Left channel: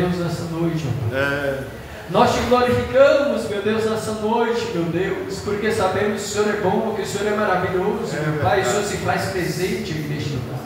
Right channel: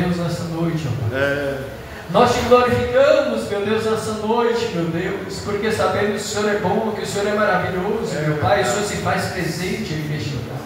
Deus, nessa noite, ó Pai. Nós te glorificamos, meu Deus, nessa noite, meu Deus, porque sabemos que o Senhor é bom, que o Senhor é maravilhoso, meu Pai, o Senhor se faz presente neste lugar.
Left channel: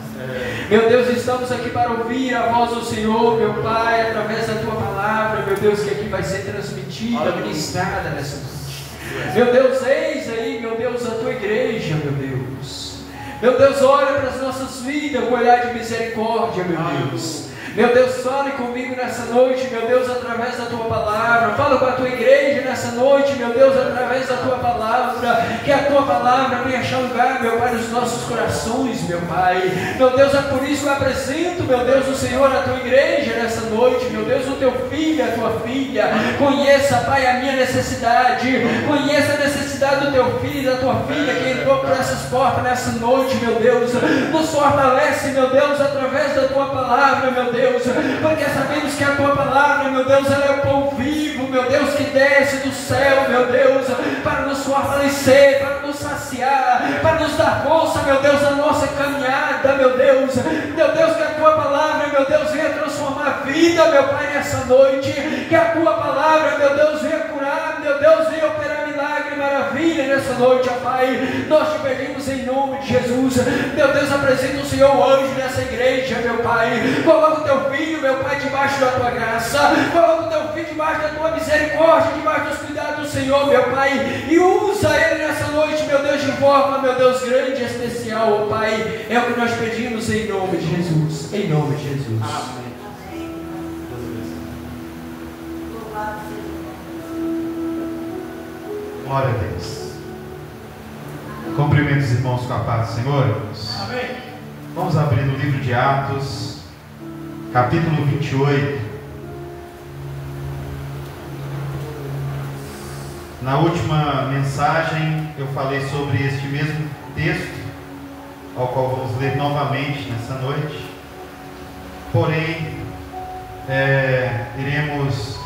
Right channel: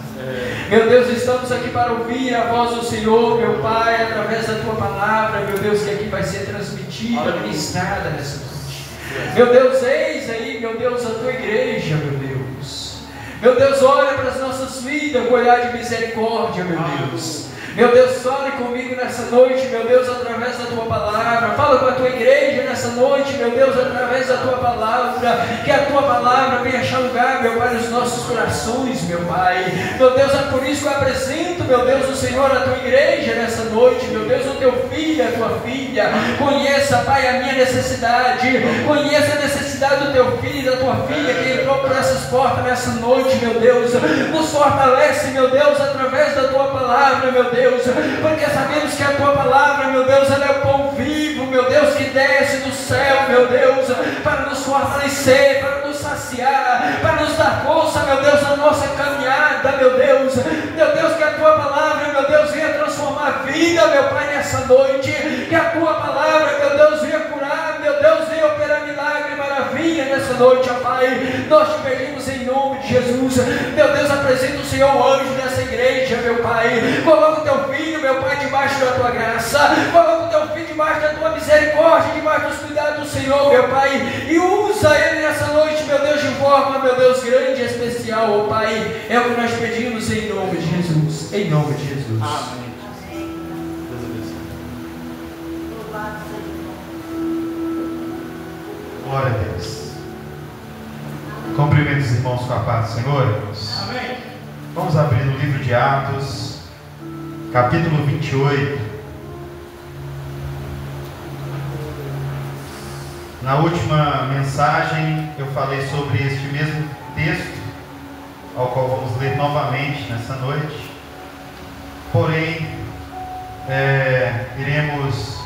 Meu Deus, estamos aqui para ouvir a voz do Senhor, meu Pai, através da Tua palavra, meu Deus, que aqui vai ser transmitida, ministrada nessa noite. Meu Deus, eis aí, meu Deus, a Tua igreja, meu Deus. Meu Deus, olha para as nossas vidas com olhar de misericórdia, meu Deus. Meu Deus, fale comigo nessa noite, meu Deus, através da Tua palavra. Fala com a Tua igreja nessa noite, meu Deus, através da Tua palavra. Que a Tua palavra venha achar lugar, meu Pai, nos nossos corações, meu Pai. Meu Deus, é por isso que eu apresento, meu Deus, o Senhor, a Tua igreja nessa noite. Meu Deus, o Teu filho, a Tua filha. Conheça, Pai, a minha necessidade. Conheça a necessidade do Teu filho e da Tua filha que entrou por essas portas nessa noite, meu Deus. Nos fortalece, meu Deus, através da Tua palavra, meu Deus. Porque sabemos que a Tua palavra, meu Deus, ela é o pão vivo, meu Deus, que desce do céu, meu Deus, para nos fortalecer, para nos saciar, para nos dar força, meu Deus, na nossa caminhada, meu Deus, que a Tua palavra, meu Deus, venha transformar a vida, meu Pai, nessa noite, que a Tua palavra, meu Deus, venha curar, meu Deus, venha operar milagre e maravilha nessa noite, ó Pai. Nós te pedimos em nome de Jesus, meu Deus, apresenta o Senhor o anjo nessa igreja, meu Pai. Coloca o Teu filho, meu Pai, debaixo da Tua graça. Coloca o Teu filho debaixo da Tua misericórdia, debaixo dos cuidados do Senhor, meu Pai. E usa ele nessa noite, meu Deus, de forma, meu Deus, grande e especial, ó Pai. É o que nós pedimos em nome de Jesus. Em nome de Jesus. Amém. Glória a Deus. Cumprimento os irmãos com a paz do Senhor. Amém. Vamos abrir no livro de Atos, capítulo 28. Na última mensagem eu falei sobre este mesmo texto, ao qual vamos ler novamente nessa noite. Porém, iremos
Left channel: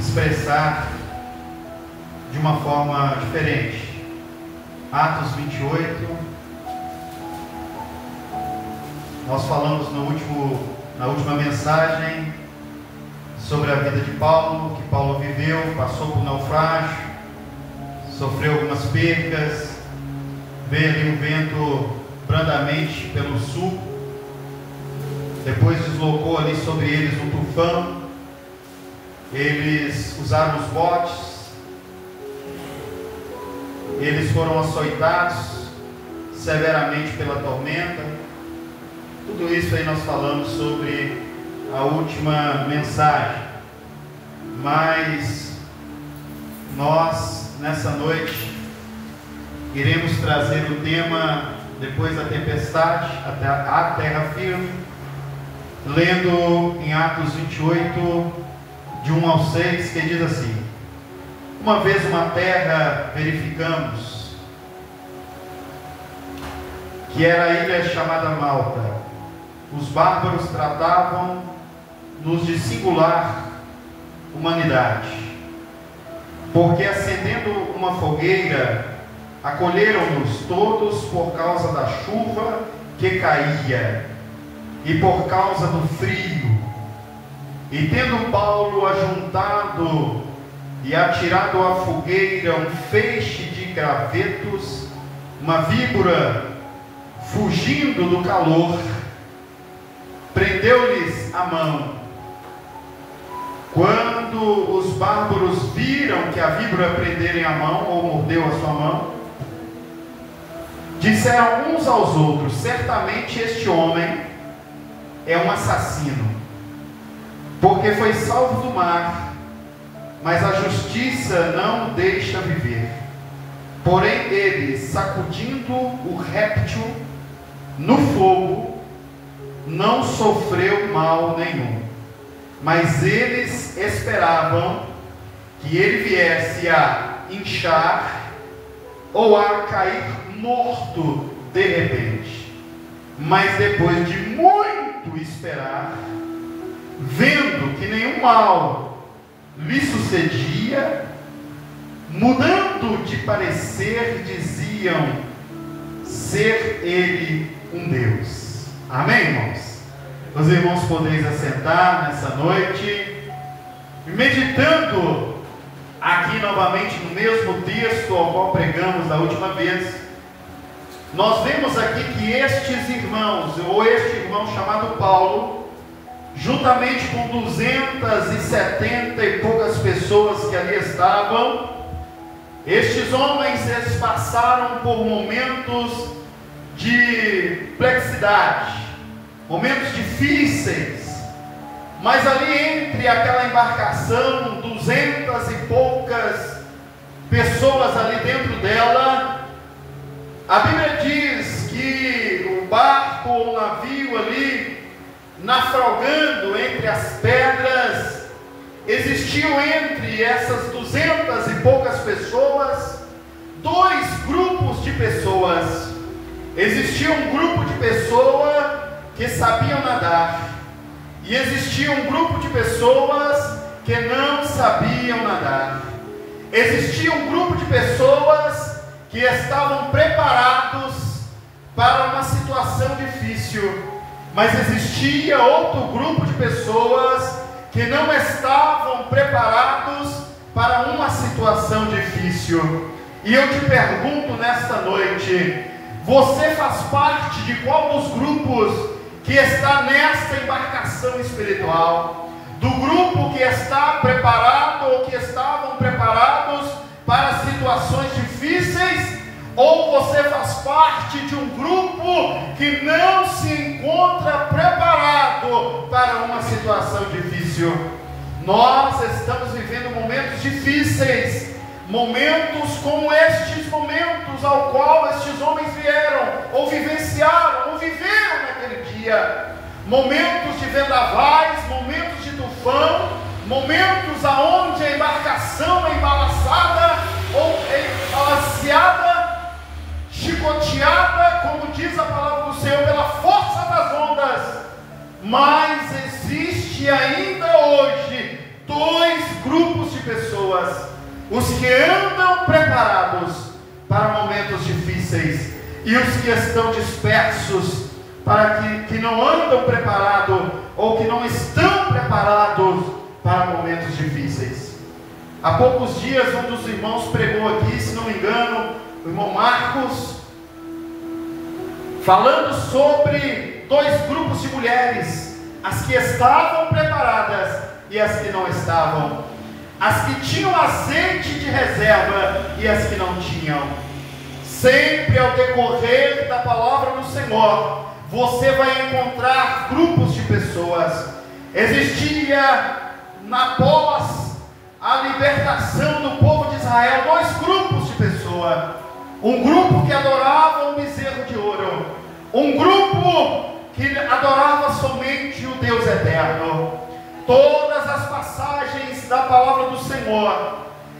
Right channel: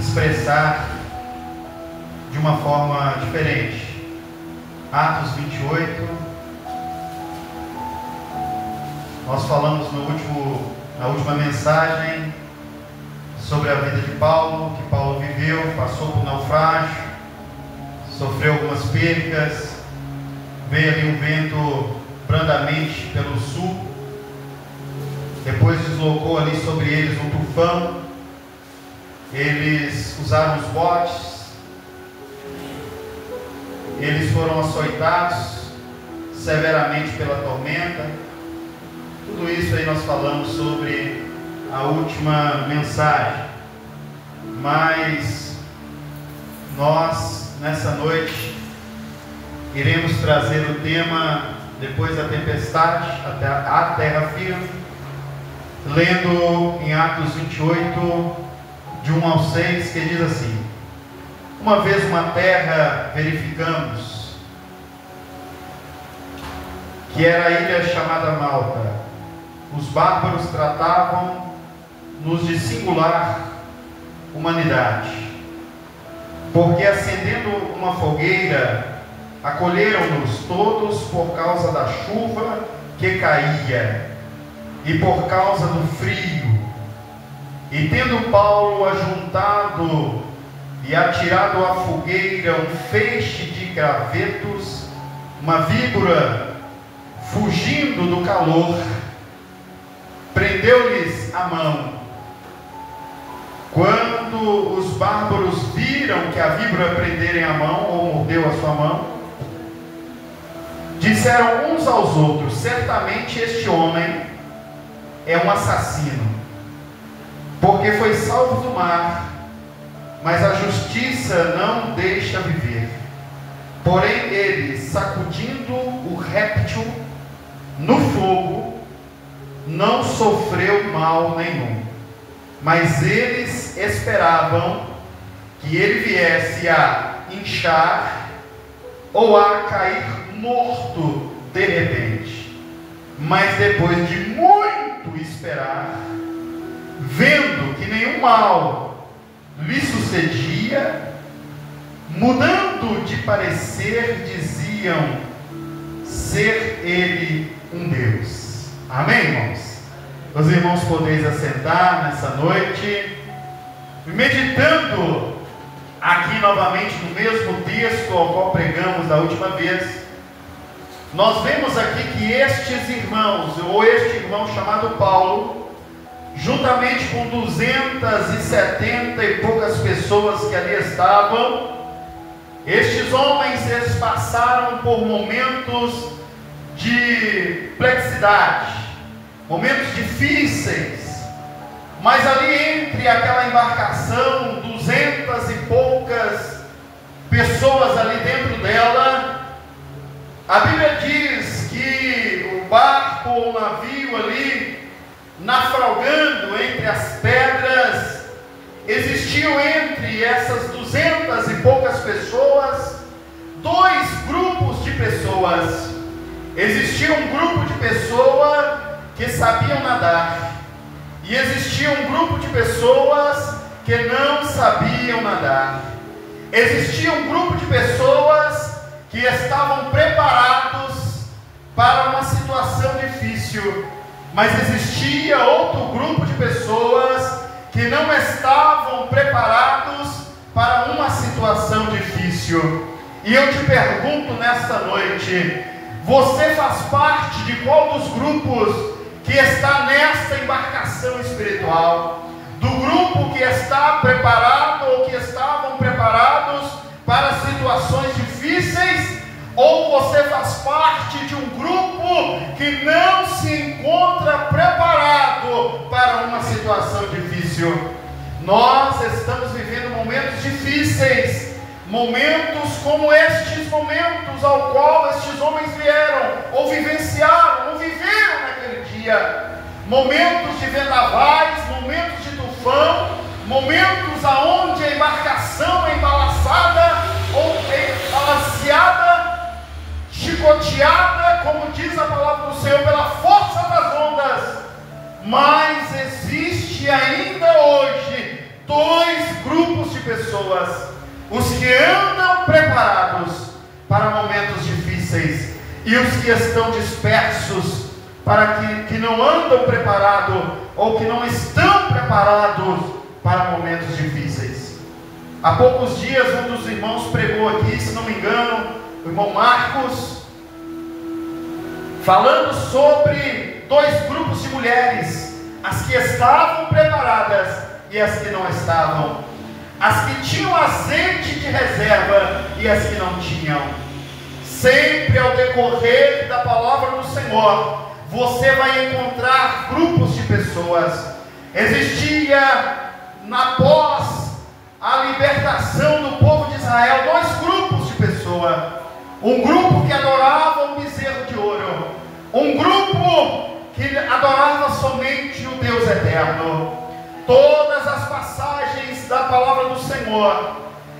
expressar de uma forma diferente. Atos 28. Nós falamos na última mensagem sobre a vida de Paulo, que Paulo viveu, passou por naufrágio, sofreu algumas percas, veio ali um vento brandamente pelo sul, depois deslocou ali sobre eles um tufão, eles usaram os botes, eles foram açoitados severamente pela tormenta. Tudo isso aí nós falamos sobre a última mensagem. Mas nós, nessa noite, iremos trazer o tema depois da tempestade, a terra firme, lendo em Atos 28, de 1 ao 6, que diz assim: uma vez uma terra verificamos, que era a ilha chamada Malta. Os bárbaros tratavam-nos de singular humanidade, porque acendendo uma fogueira, acolheram-nos todos por causa da chuva que caía e por causa do frio. E tendo Paulo ajuntado e atirado à fogueira um feixe de gravetos, uma víbora, fugindo do calor, prendeu-lhes a mão. Quando os bárbaros viram que a víbora prenderem a mão, ou mordeu a sua mão, disseram uns aos outros: certamente este homem é um assassino, porque foi salvo do mar, mas a justiça não o deixa viver. Porém ele, sacudindo o réptil no fogo, não sofreu mal nenhum. Mas eles esperavam que ele viesse a inchar ou a cair morto de repente. Mas depois de muito esperar, vendo que nenhum mal lhe sucedia, mudando de parecer, diziam ser ele um Deus. Amém, irmãos? os irmãos podeis assentar nessa noite, meditando aqui novamente no mesmo texto ao qual pregamos da última vez. Nós vemos aqui que estes irmãos, ou este irmão chamado Paulo, juntamente com 270 e poucas pessoas que ali estavam, estes homens, eles passaram por momentos de perplexidade, momentos difíceis, mas ali entre aquela embarcação, 200 e poucas pessoas ali dentro dela, a Bíblia diz que o barco ou o navio ali, naufragando entre as pedras, existiam entre essas 200 e poucas pessoas, dois grupos de pessoas. Existia um grupo de pessoas que sabiam nadar, e existia um grupo de pessoas que não sabiam nadar. Existia um grupo de pessoas que estavam preparados para uma situação difícil, mas existia outro grupo de pessoas que não estavam preparados para uma situação difícil. E eu te pergunto nesta noite, você faz parte de qual dos grupos que está nesta embarcação espiritual? Do grupo que está preparado ou que estavam preparados para situações difíceis? Ou você faz parte de um grupo que não se encontra preparado para uma situação difícil? Nós estamos vivendo momentos difíceis, momentos como estes momentos ao qual estes homens vieram, ou vivenciaram, ou viveram naquele dia. Momentos de vendavais, momentos de tufão, momentos aonde a embarcação é embalaçada, ou é balanceada, chicoteada, como diz a palavra do Senhor, pela força das ondas. Mas existe ainda hoje dois grupos de pessoas: os que andam preparados para momentos difíceis, e os que estão dispersos, para que não andam preparados, ou que não estão preparados para momentos difíceis. Há poucos dias um dos irmãos pregou aqui, se não me engano, o irmão Marcos, falando sobre dois grupos de mulheres: as que estavam preparadas e as que não estavam, as que tinham azeite de reserva e as que não tinham. Sempre ao decorrer da palavra do Senhor, você vai encontrar grupos de pessoas. Existia, após a libertação do povo de Israel, dois grupos de pessoas: um grupo que adorava o bezerro de ouro, um grupo que adorava somente o Deus eterno. Todas as passagens da palavra do Senhor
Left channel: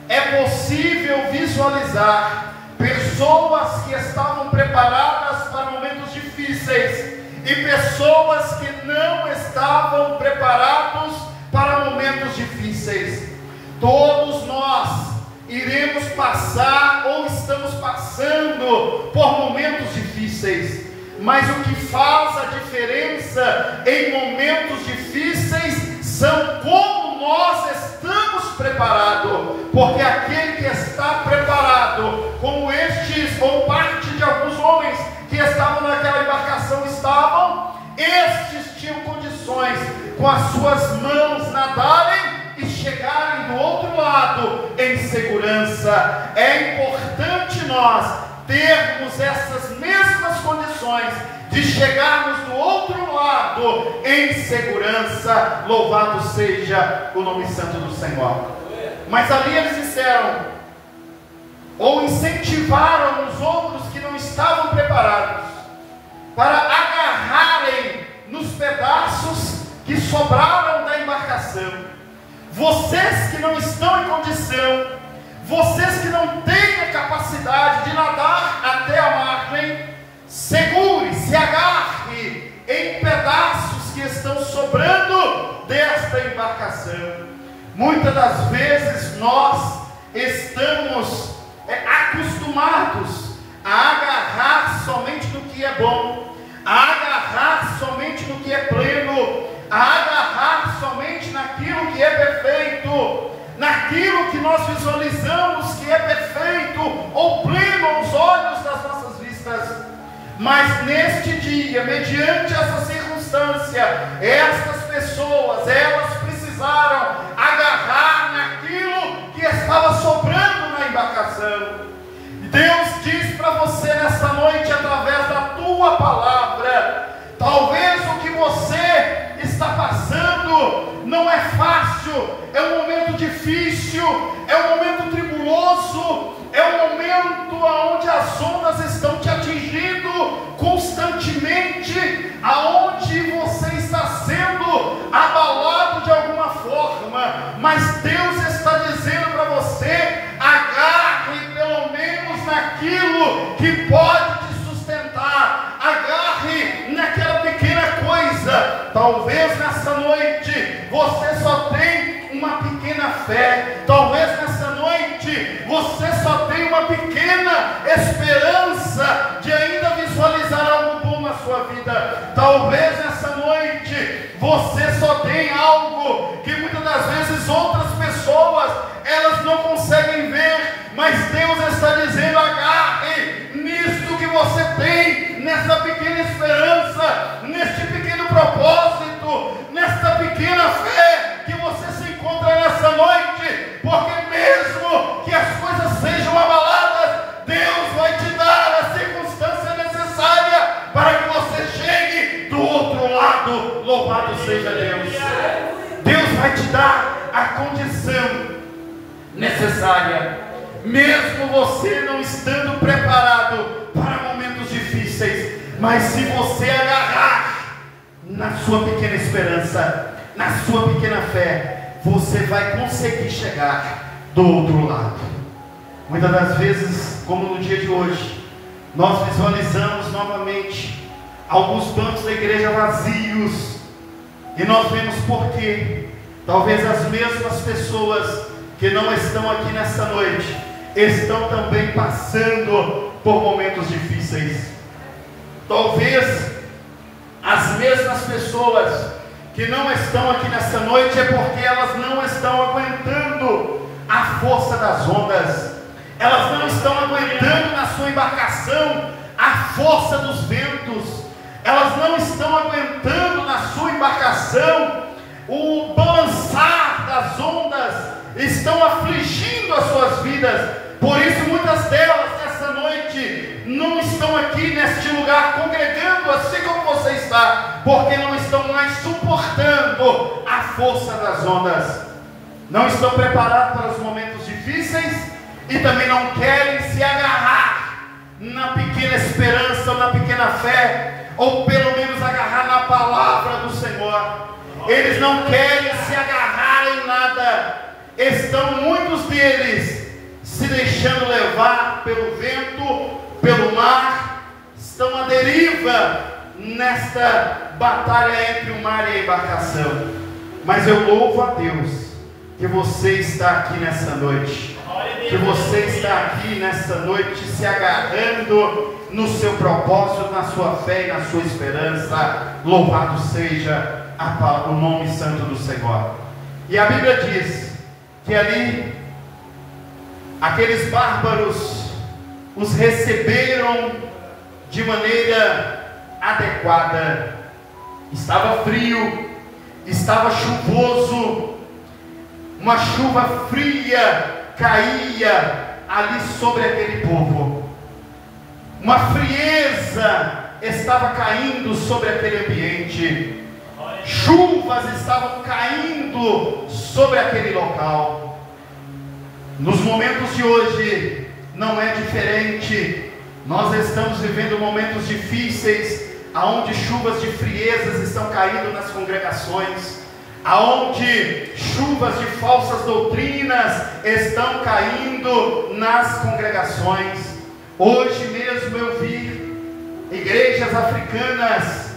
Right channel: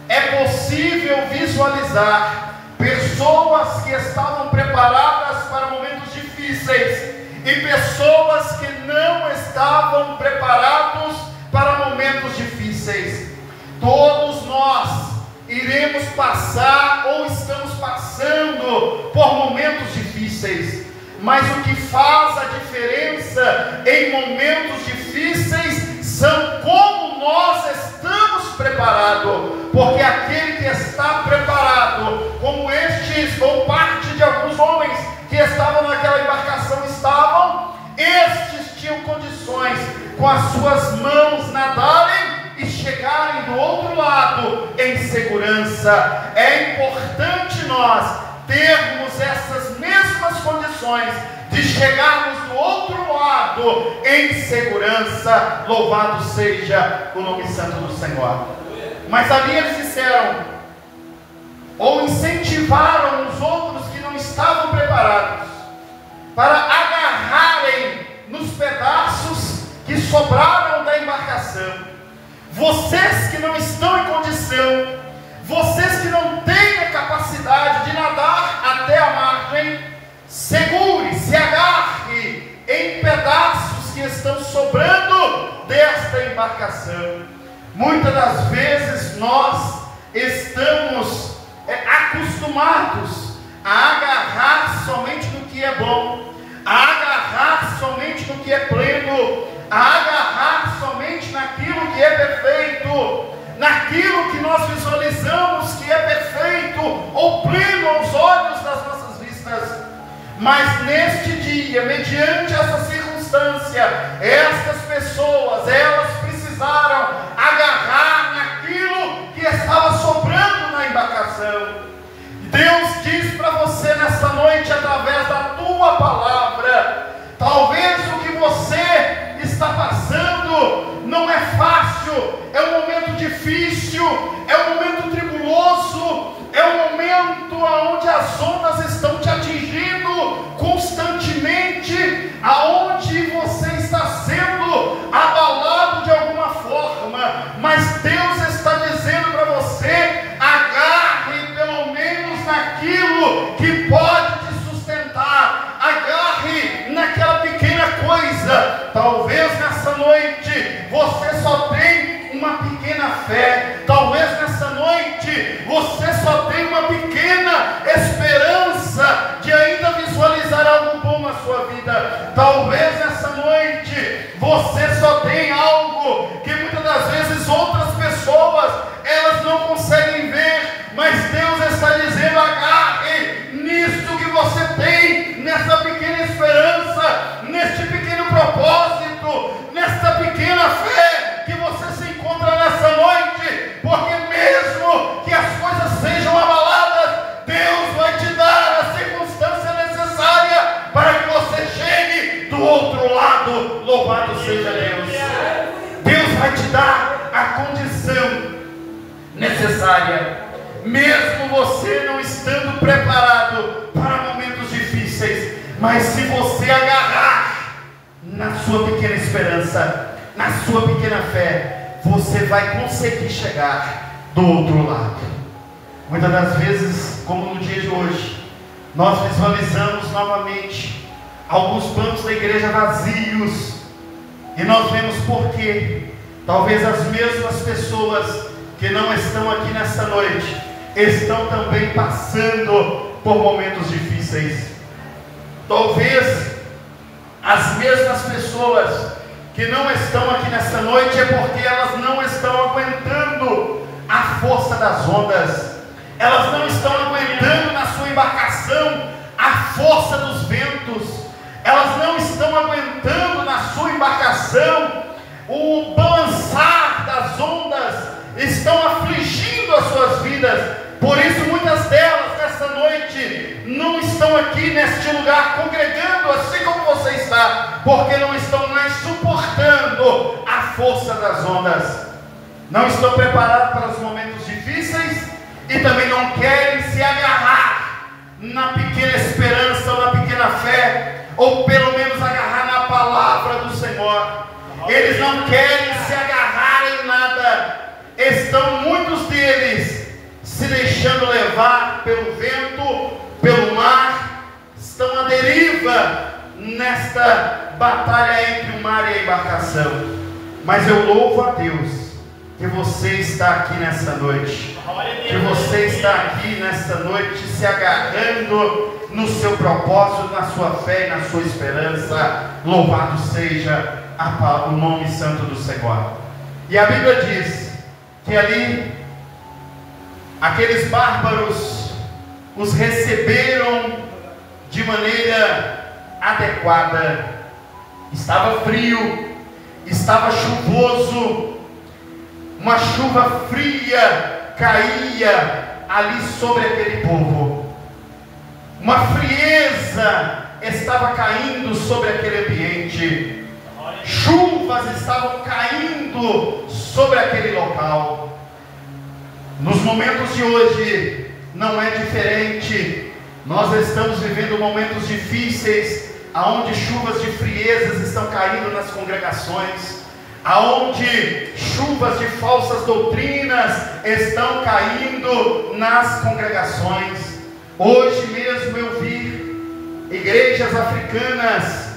é possível visualizar pessoas que estavam preparadas para momentos difíceis e pessoas que não estavam preparados para momentos difíceis. Todos nós iremos passar ou estamos passando por momentos difíceis, mas o que faz a diferença em momentos difíceis são como nós estamos preparados, porque aquele que está preparado, como estes, ou parte de alguns homens que estavam naquela embarcação estavam, estes tinham condições, com as suas mãos, nadarem e chegarem do outro lado em segurança. É importante nós termos essas mesmas condições de chegarmos do outro lado em segurança. Louvado seja o nome santo do Senhor. Mas ali eles disseram, ou incentivaram os outros que não estavam preparados, para agarrarem nos pedaços que sobraram da embarcação. Vocês que não estão em condição, vocês que não têm a capacidade de nadar até a margem, segure, se agarre em pedaços que estão sobrando desta embarcação. Muitas das vezes nós estamos acostumados a agarrar somente no que é bom, a agarrar agarrar somente no que é pleno, a agarrar somente naquilo que é perfeito, naquilo que nós visualizamos que é perfeito ou pleno aos olhos das nossas vistas. Mas neste dia, mediante essa circunstância, estas pessoas, elas precisaram agarrar naquilo que estava sobrando na embarcação. Deus diz para você nesta noite, através da tua palavra, talvez o que você está passando não é fácil, é um momento difícil, é um momento tribuloso, é um momento onde as ondas estão te atingindo constantemente, aonde você está sendo abalado de alguma forma, mas Deus está dizendo para você: agarre pelo menos naquilo que pode te sustentar, agarre naquela pequena coisa. Talvez nessa noite você só tem uma pequena fé, talvez nessa noite você só tem uma pequena esperança de ainda visualizar algo bom na sua vida. Talvez nessa noite você só tem algo que muitas das vezes outras pessoas elas não conseguem ver, mas Deus está dizendo: agarre nisso que você tem, nessa pequena esperança, neste pequeno propósito, nesta pequena fé que você se encontra nessa noite, porque mesmo que as coisas sejam abaladas, Deus vai te dar a circunstância necessária para que você chegue do outro lado. Louvado seja Deus. Deus vai te dar a condição necessária, mesmo você não estando preparado para momentos difíceis. Mas se você agarrar na sua pequena esperança, na sua pequena fé, você vai conseguir chegar do outro lado. Muitas das vezes, como no dia de hoje, nós visualizamos novamente alguns bancos da igreja vazios, e nós vemos por quê. Talvez as mesmas pessoas que não estão aqui nessa noite estão também passando por momentos difíceis. Talvez as mesmas pessoas que não estão aqui nessa noite é porque elas não estão aguentando a força das ondas, elas não estão aguentando na sua embarcação a força dos ventos, elas não estão aguentando na sua embarcação o balançar das ondas, estão afligindo as suas vidas. Por isso muitas delas nessa noite não estão aqui neste lugar congregando assim como você está, porque não estão mais suportando a força das ondas, não estão preparados para os momentos difíceis e também não querem se agarrar na pequena esperança ou na pequena fé, ou pelo menos agarrar na palavra do Senhor. Eles não querem se agarrar em nada, estão muitos deles se deixando levar pelo vento, pelo mar, estão à deriva nesta batalha entre o mar e a embarcação. Mas eu louvo a Deus que você está aqui nessa noite, que você está aqui nessa noite se agarrando no seu propósito, na sua fé e na sua esperança. Louvado seja o nome santo do Senhor. E a Bíblia diz que ali aqueles bárbaros os receberam de maneira adequada. Estava frio, estava chuvoso, uma chuva fria caía ali sobre aquele povo, uma frieza estava caindo sobre aquele ambiente, chuvas estavam caindo sobre aquele local. Nos momentos de hoje não é diferente. Nós estamos vivendo momentos difíceis, aonde chuvas de friezas estão caindo nas congregações, aonde chuvas de falsas doutrinas estão caindo nas congregações. Hoje mesmo eu vi igrejas africanas,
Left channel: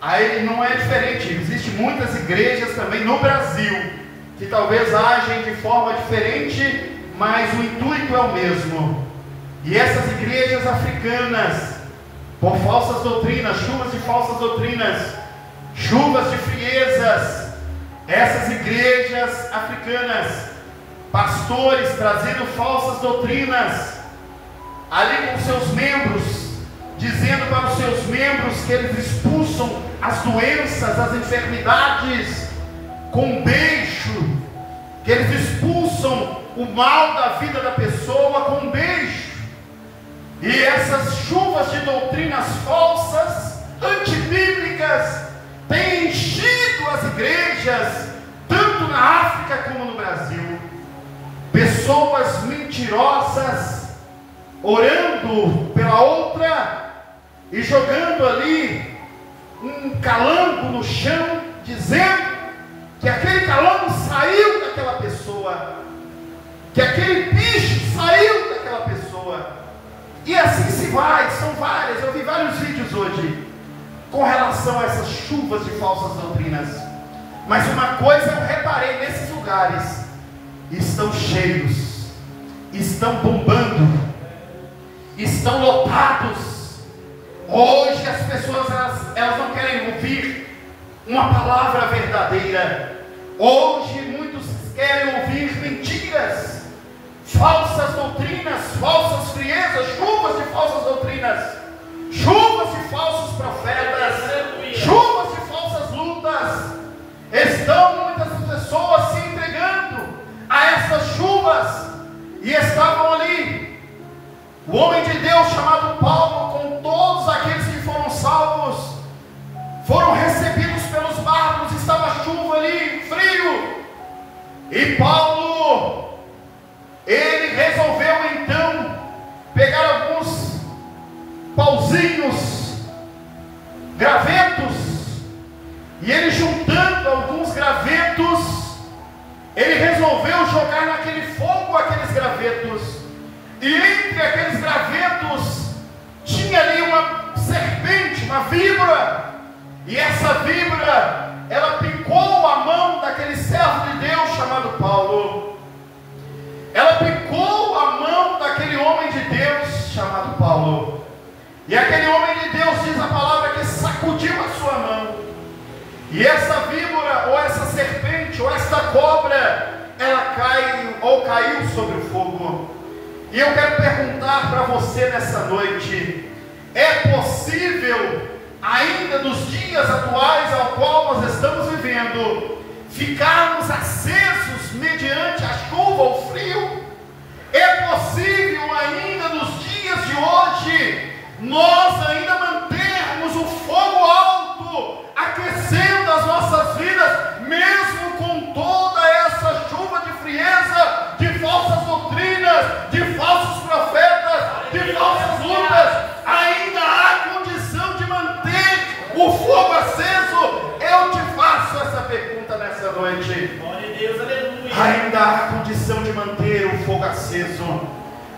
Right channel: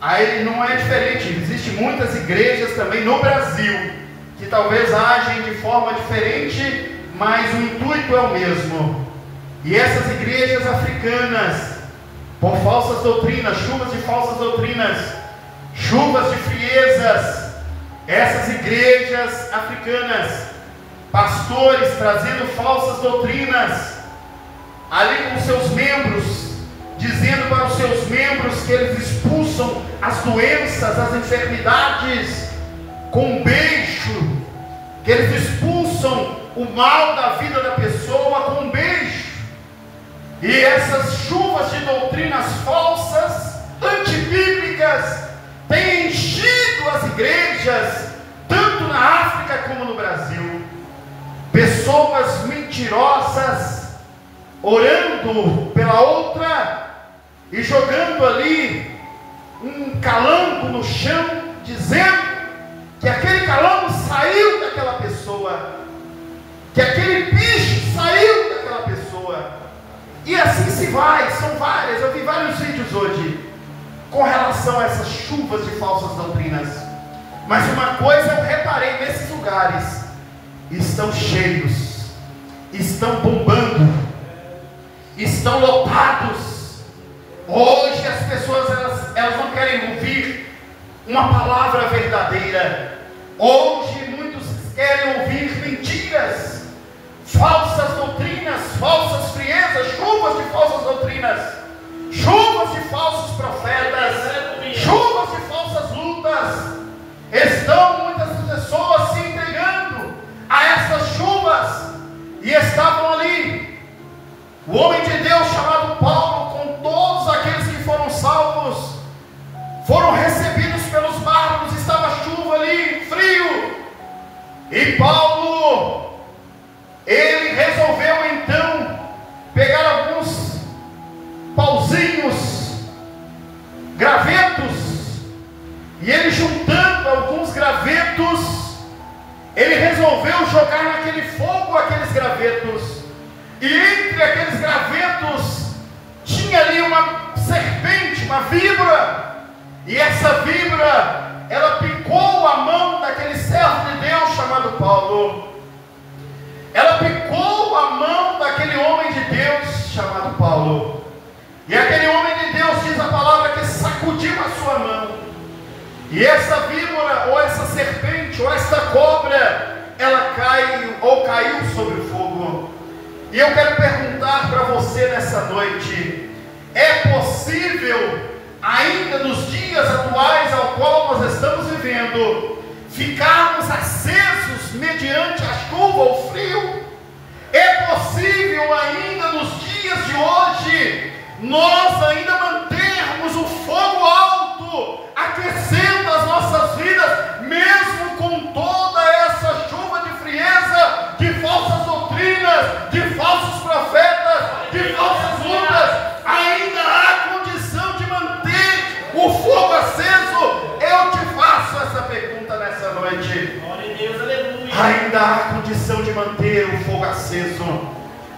aí não é diferente, existem muitas igrejas também no Brasil, que talvez agem de forma diferente, mas o intuito é o mesmo. E essas igrejas africanas, por falsas doutrinas, chuvas de falsas doutrinas, chuvas de friezas. Essas igrejas africanas, pastores trazendo falsas doutrinas, ali com seus membros, dizendo para os seus membros que eles expulsam as doenças, as enfermidades com um beijo, que eles expulsam o mal da vida da pessoa com um beijo. E essas chuvas de doutrinas falsas, antibíblicas, têm enchido as igrejas, tanto na África como no Brasil. Pessoas mentirosas, orando pela outra e jogando ali um calango no chão, dizendo que aquele calango saiu daquela pessoa, que aquele bicho saiu daquela pessoa, e assim se vai. São várias, eu vi vários vídeos hoje com relação a essas chuvas de falsas doutrinas. Mas uma coisa eu reparei nesses lugares: estão cheios, estão bombando, estão lotados. Hoje as pessoas elas não querem ouvir uma palavra verdadeira. Hoje muitos querem ouvir mentiras, falsas doutrinas, falsas friezas, chuvas de falsas doutrinas, chuvas de falsos profetas, chuvas de falsas lutas. Estão muitas pessoas se entregando a essas chuvas, e estavam ali o homem de Deus chamado Paulo, com todos aqueles que foram salvos, foram recebidos pelos barcos. Estava chuva ali, frio, e Paulo, ele resolveu então pegar alguns pauzinhos, gravetos, e ele, juntando alguns gravetos, ele resolveu jogar naquele fogo aqueles gravetos. E entre aqueles gravetos tinha ali uma serpente, uma víbora. E essa víbora, ela picou a mão daquele servo de Deus chamado Paulo. Ela picou a mão daquele homem de Deus chamado Paulo. E aquele homem de Deus, diz a palavra, que sacudiu a sua mão. E essa víbora, ou essa serpente, ou essa cobra, ela caiu sobre o fogo. E eu quero perguntar para você nessa noite: é possível, ainda nos dias atuais ao qual nós estamos vivendo, ficarmos acesos mediante a chuva ou frio? É possível ainda nos dias de hoje nós ainda mantermos o fogo alto, aquecendo as nossas vidas, mesmo com toda essa chuva de frieza, de falsas doutrinas, de falsos profetas, de falsas lutas? Ainda há condição de manter o fogo aceso? Eu te faço essa pergunta nessa noite. Glória a Deus, aleluia. Ainda há condição de manter o fogo aceso?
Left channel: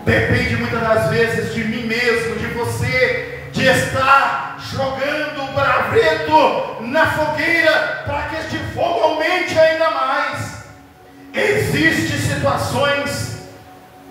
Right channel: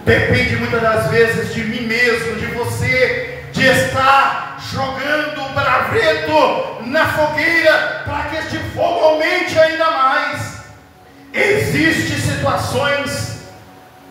Depende muitas das vezes de mim mesmo, de você, de estar jogando o braveto na fogueira para que este fogo aumente ainda mais. Existem situações,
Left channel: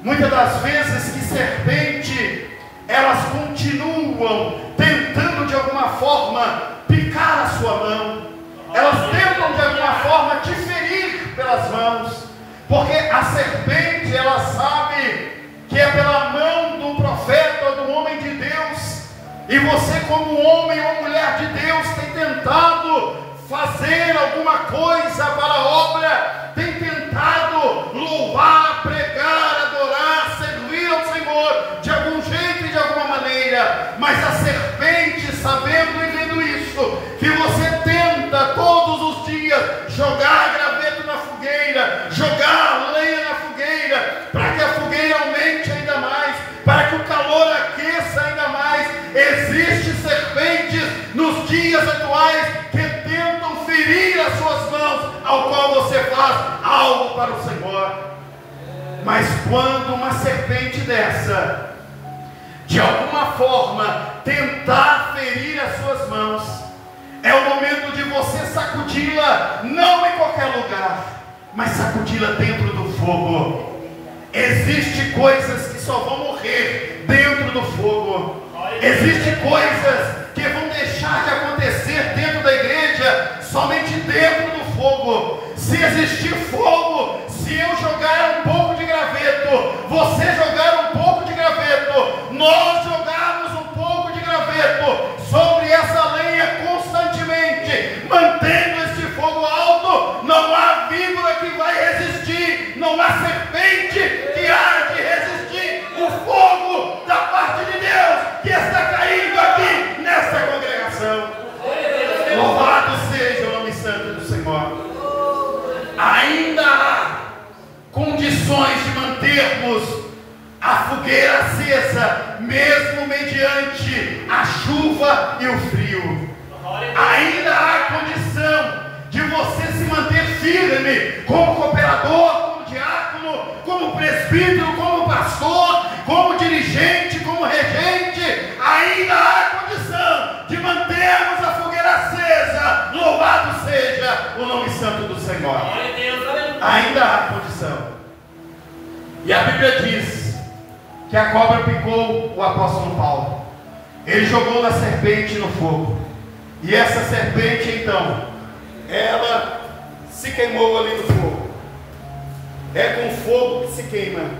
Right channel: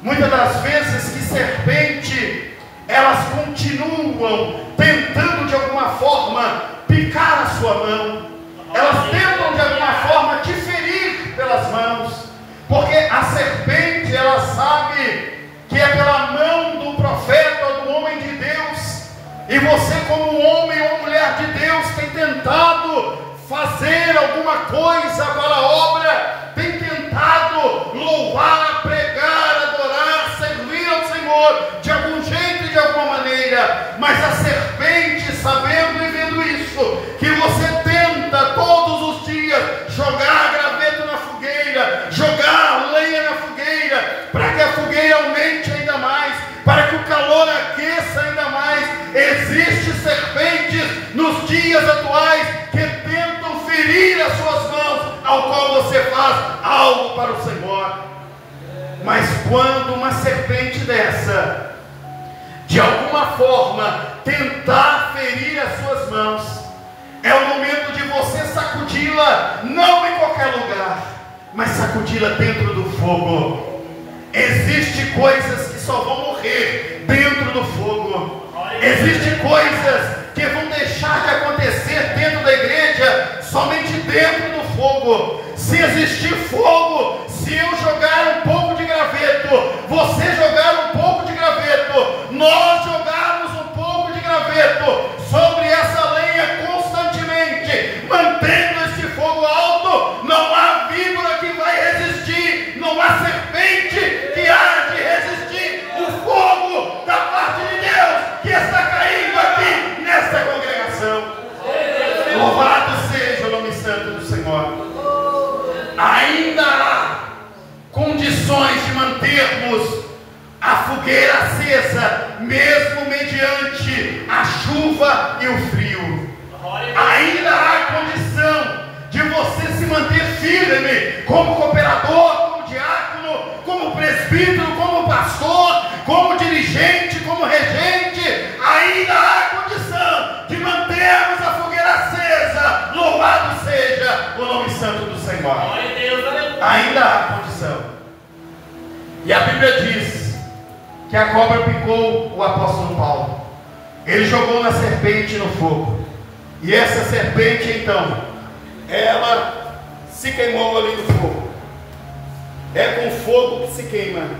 muitas das vezes, que serpente, elas continuam tentando de alguma forma picar a sua mão. Elas tentam de alguma forma te ferir pelas mãos, porque a serpente, ela sabe que é pela mão do profeta ou do homem de Deus, e você, como homem ou mulher de Deus, tem tentado fazer alguma coisa para a obra, tem tentado louvar, pregar, adorar, servir ao Senhor de algum jeito e de alguma maneira, mas a serpente, sabendo e vendo isso, que você tenta todos os dias jogar graveto na fogueira, jogar lenha na fogueira, para que a fogueira aumente ainda mais, para que o calor aqueça ainda mais. Existem serpentes nos dias atuais que tentam ferir as suas mãos, ao qual você faz algo para o Senhor. Mas quando uma serpente dessa, de alguma forma, tentar ferir as suas mãos, é o momento de você sacudi-la, não em qualquer lugar, mas sacudi-la dentro do fogo. Existem coisas que só vão morrer dentro do fogo. Existem coisas que vão deixar de acontecer dentro da igreja, somente dentro do fogo. Se existir fogo, se eu jogar um pouco de graveto, você jogar um pouco de graveto, nós jogarmos um pouco de graveto sobre essa lenha constantemente, mantendo este fogo alto, não há víbora que vai resistir, não há serpente que há de resistir o fogo da parte de Deus que está caindo aqui nesta congregação. Louvado seja o nome santo do Senhor. Ainda há condições de mantermos a fogueira acesa, mesmo mediante a chuva e o frio. Ainda há condição de você se manter firme, como cooperador, como diácono, como presbítero, como pastor, como dirigente, como regente. Ainda há condição de mantermos a fogueira acesa. Louvado seja o nome santo do Senhor. Ainda há condição. E a Bíblia diz que a cobra picou o apóstolo Paulo. Ele jogou na serpente no fogo. E essa serpente, então, ela se queimou ali no fogo. É com fogo que se queima.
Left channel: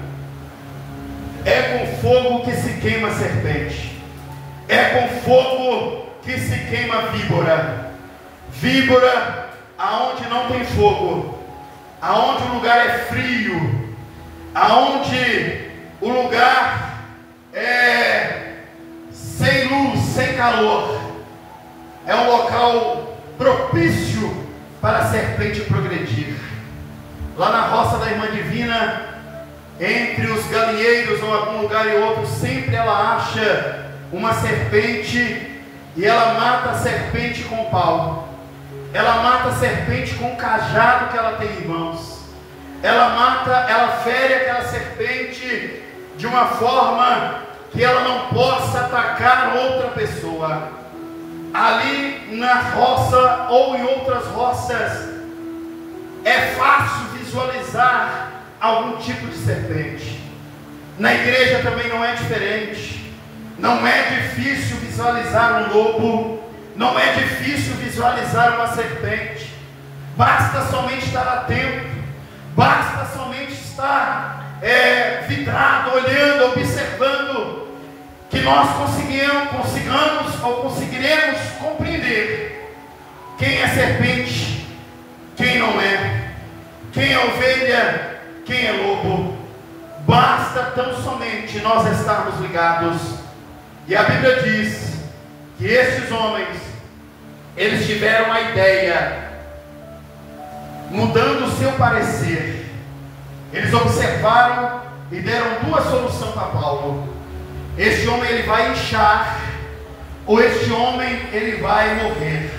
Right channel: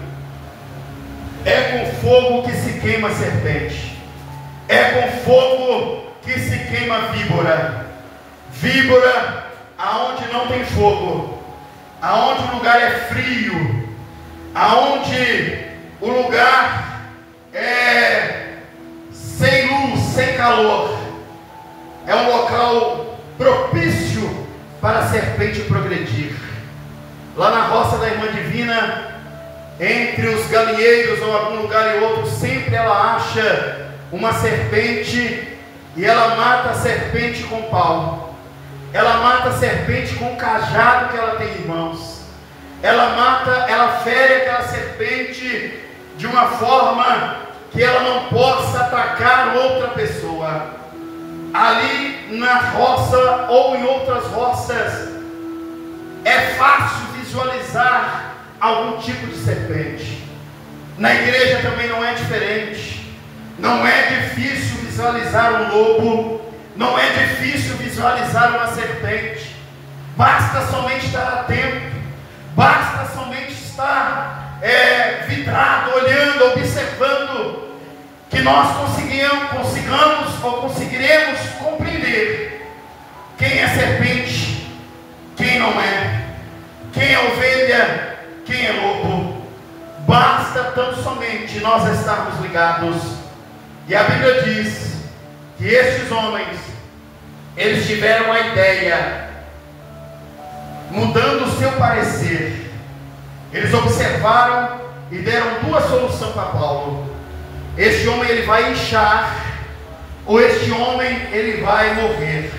É com fogo que se queima a serpente. É com fogo que se queima a víbora. Víbora, aonde não tem fogo, aonde o lugar é frio, aonde o lugar é sem luz, sem calor, é um local propício para a serpente progredir. Lá na roça da Irmã Divina, entre os galinheiros ou algum lugar e outro, sempre ela acha uma serpente e ela mata a serpente com pau. Ela mata a serpente com o cajado que ela tem em mãos. Ela fere aquela serpente de uma forma que ela não possa atacar outra pessoa. Ali na roça ou em outras roças, é fácil visualizar algum tipo de serpente. Na igreja também não é diferente. Não é difícil visualizar um lobo, não é difícil visualizar uma serpente. Basta somente estar atento, basta somente estar vidrado, olhando, observando, que nós conseguiremos compreender quem é serpente, quem não é, quem é ovelha, quem é lobo. Basta tão somente nós estarmos ligados. E a Bíblia diz que estes homens, eles tiveram a ideia, mudando o seu parecer. Eles observaram e deram duas soluções para Paulo. Este homem ele vai inchar, ou este homem ele vai morrer.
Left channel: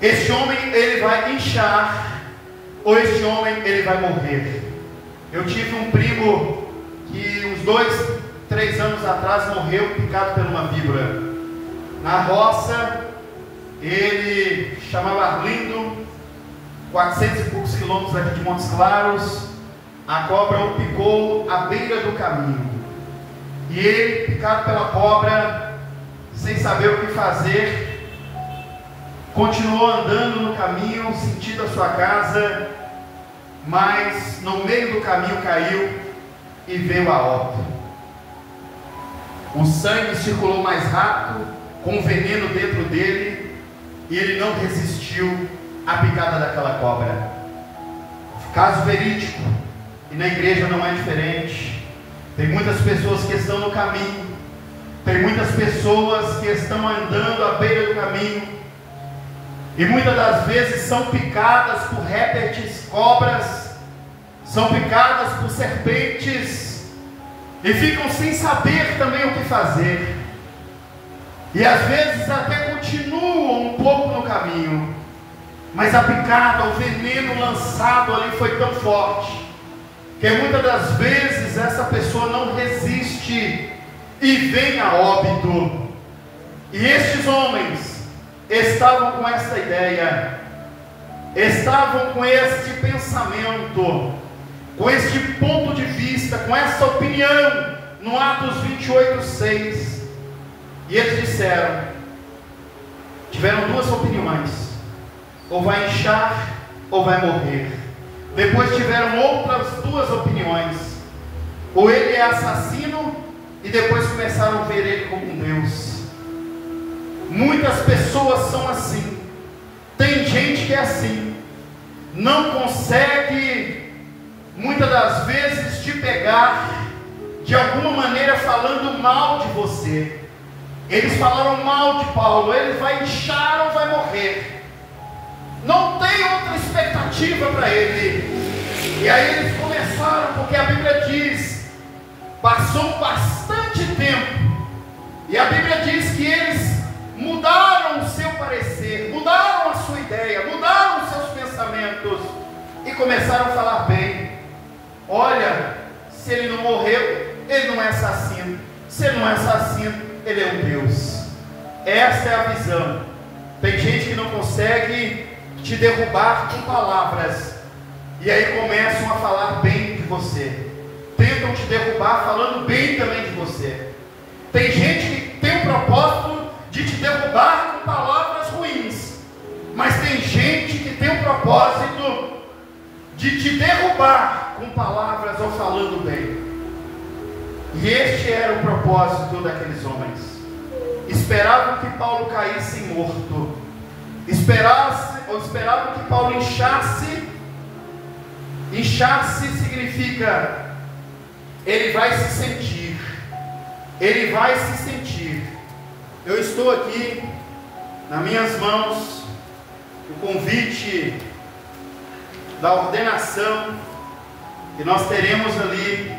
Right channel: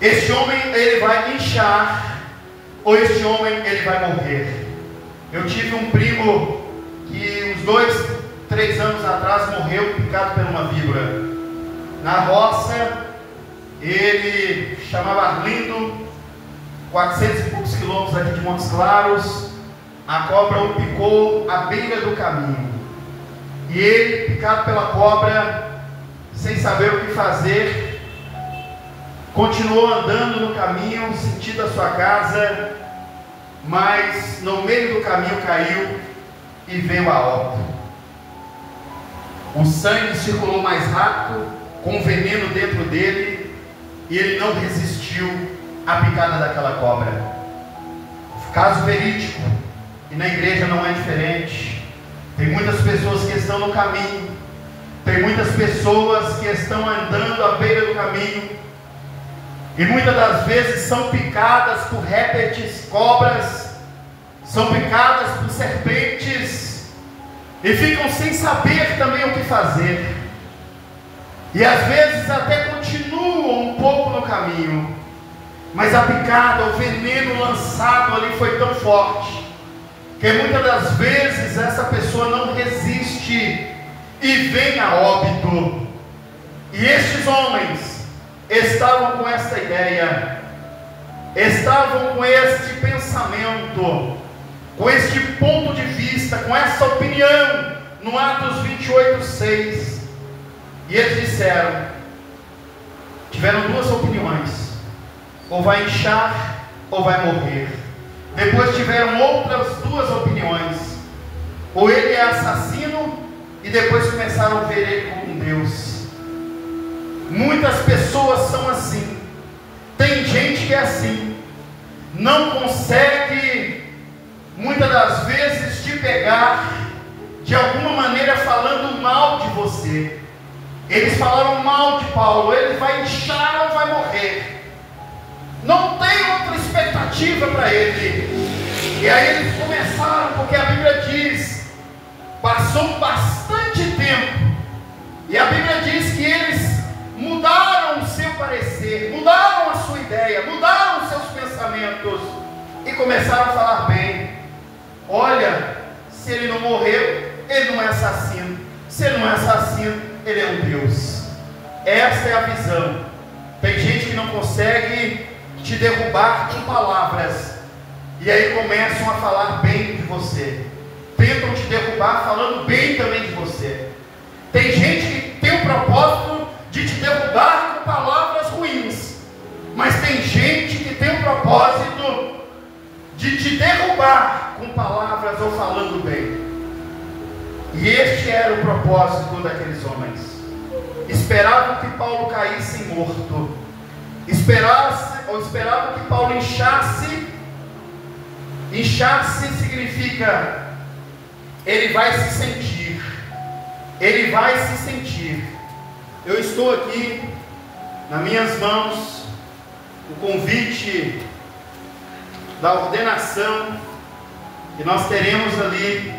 Este homem ele vai inchar, ou este homem ele vai morrer. Eu tive um primo que uns 2, 3 anos atrás morreu picado por uma víbora. Na roça, ele chamava Arlindo, 400 e poucos quilômetros aqui de Montes Claros. A cobra o picou à beira do caminho. E ele, picado pela cobra, sem saber o que fazer, continuou andando no caminho, sentido a sua casa, mas no meio do caminho caiu e veio a óbito. O sangue circulou mais rápido, com veneno dentro dele, e ele não resistiu à picada daquela cobra. Caso verídico, e na igreja não é diferente. Tem muitas pessoas que estão no caminho, tem muitas pessoas que estão andando à beira do caminho, e muitas das vezes são picadas por répteis, cobras, são picadas por serpentes, e ficam sem saber também o que fazer, e às vezes até continuam um pouco no caminho, mas a picada, o veneno lançado ali foi tão forte, que muitas das vezes essa pessoa não resiste e vem a óbito. E estes homens estavam com esta ideia, estavam com este pensamento, com este ponto de vista, com essa opinião, no Atos 28:6. E eles disseram, tiveram duas opiniões: ou vai inchar ou vai morrer. Depois tiveram outras duas opiniões: ou ele é assassino, e depois começaram a ver ele como um Deus. Muitas pessoas são assim. Tem gente que é assim, não consegue muitas das vezes te pegar de alguma maneira falando mal de você. Eles falaram mal de Paulo: ele vai inchar ou vai morrer. Não tem outra expectativa para ele. E aí eles começaram, porque a Bíblia diz, passou bastante tempo, e a Bíblia diz que eles mudaram o seu parecer, mudaram a sua ideia, mudaram os seus pensamentos, e começaram a falar bem. Olha, se ele não morreu, ele não é assassino. Se ele não é assassino, ele é um Deus. Essa é a visão. Tem gente que não consegue te derrubar com palavras, e aí começam a falar bem de você. Tentam te derrubar falando bem também de você. Tem gente que tem o propósito de te derrubar com palavras ruins, mas tem gente que tem o propósito de te derrubar com palavras ou falando bem. E este era o propósito daqueles homens. Esperavam que Paulo caísse morto, esperavam que Paulo inchasse. Inchar-se significa ele vai se sentir. Ele vai se sentir. Eu estou aqui nas minhas mãos o convite da ordenação que nós teremos ali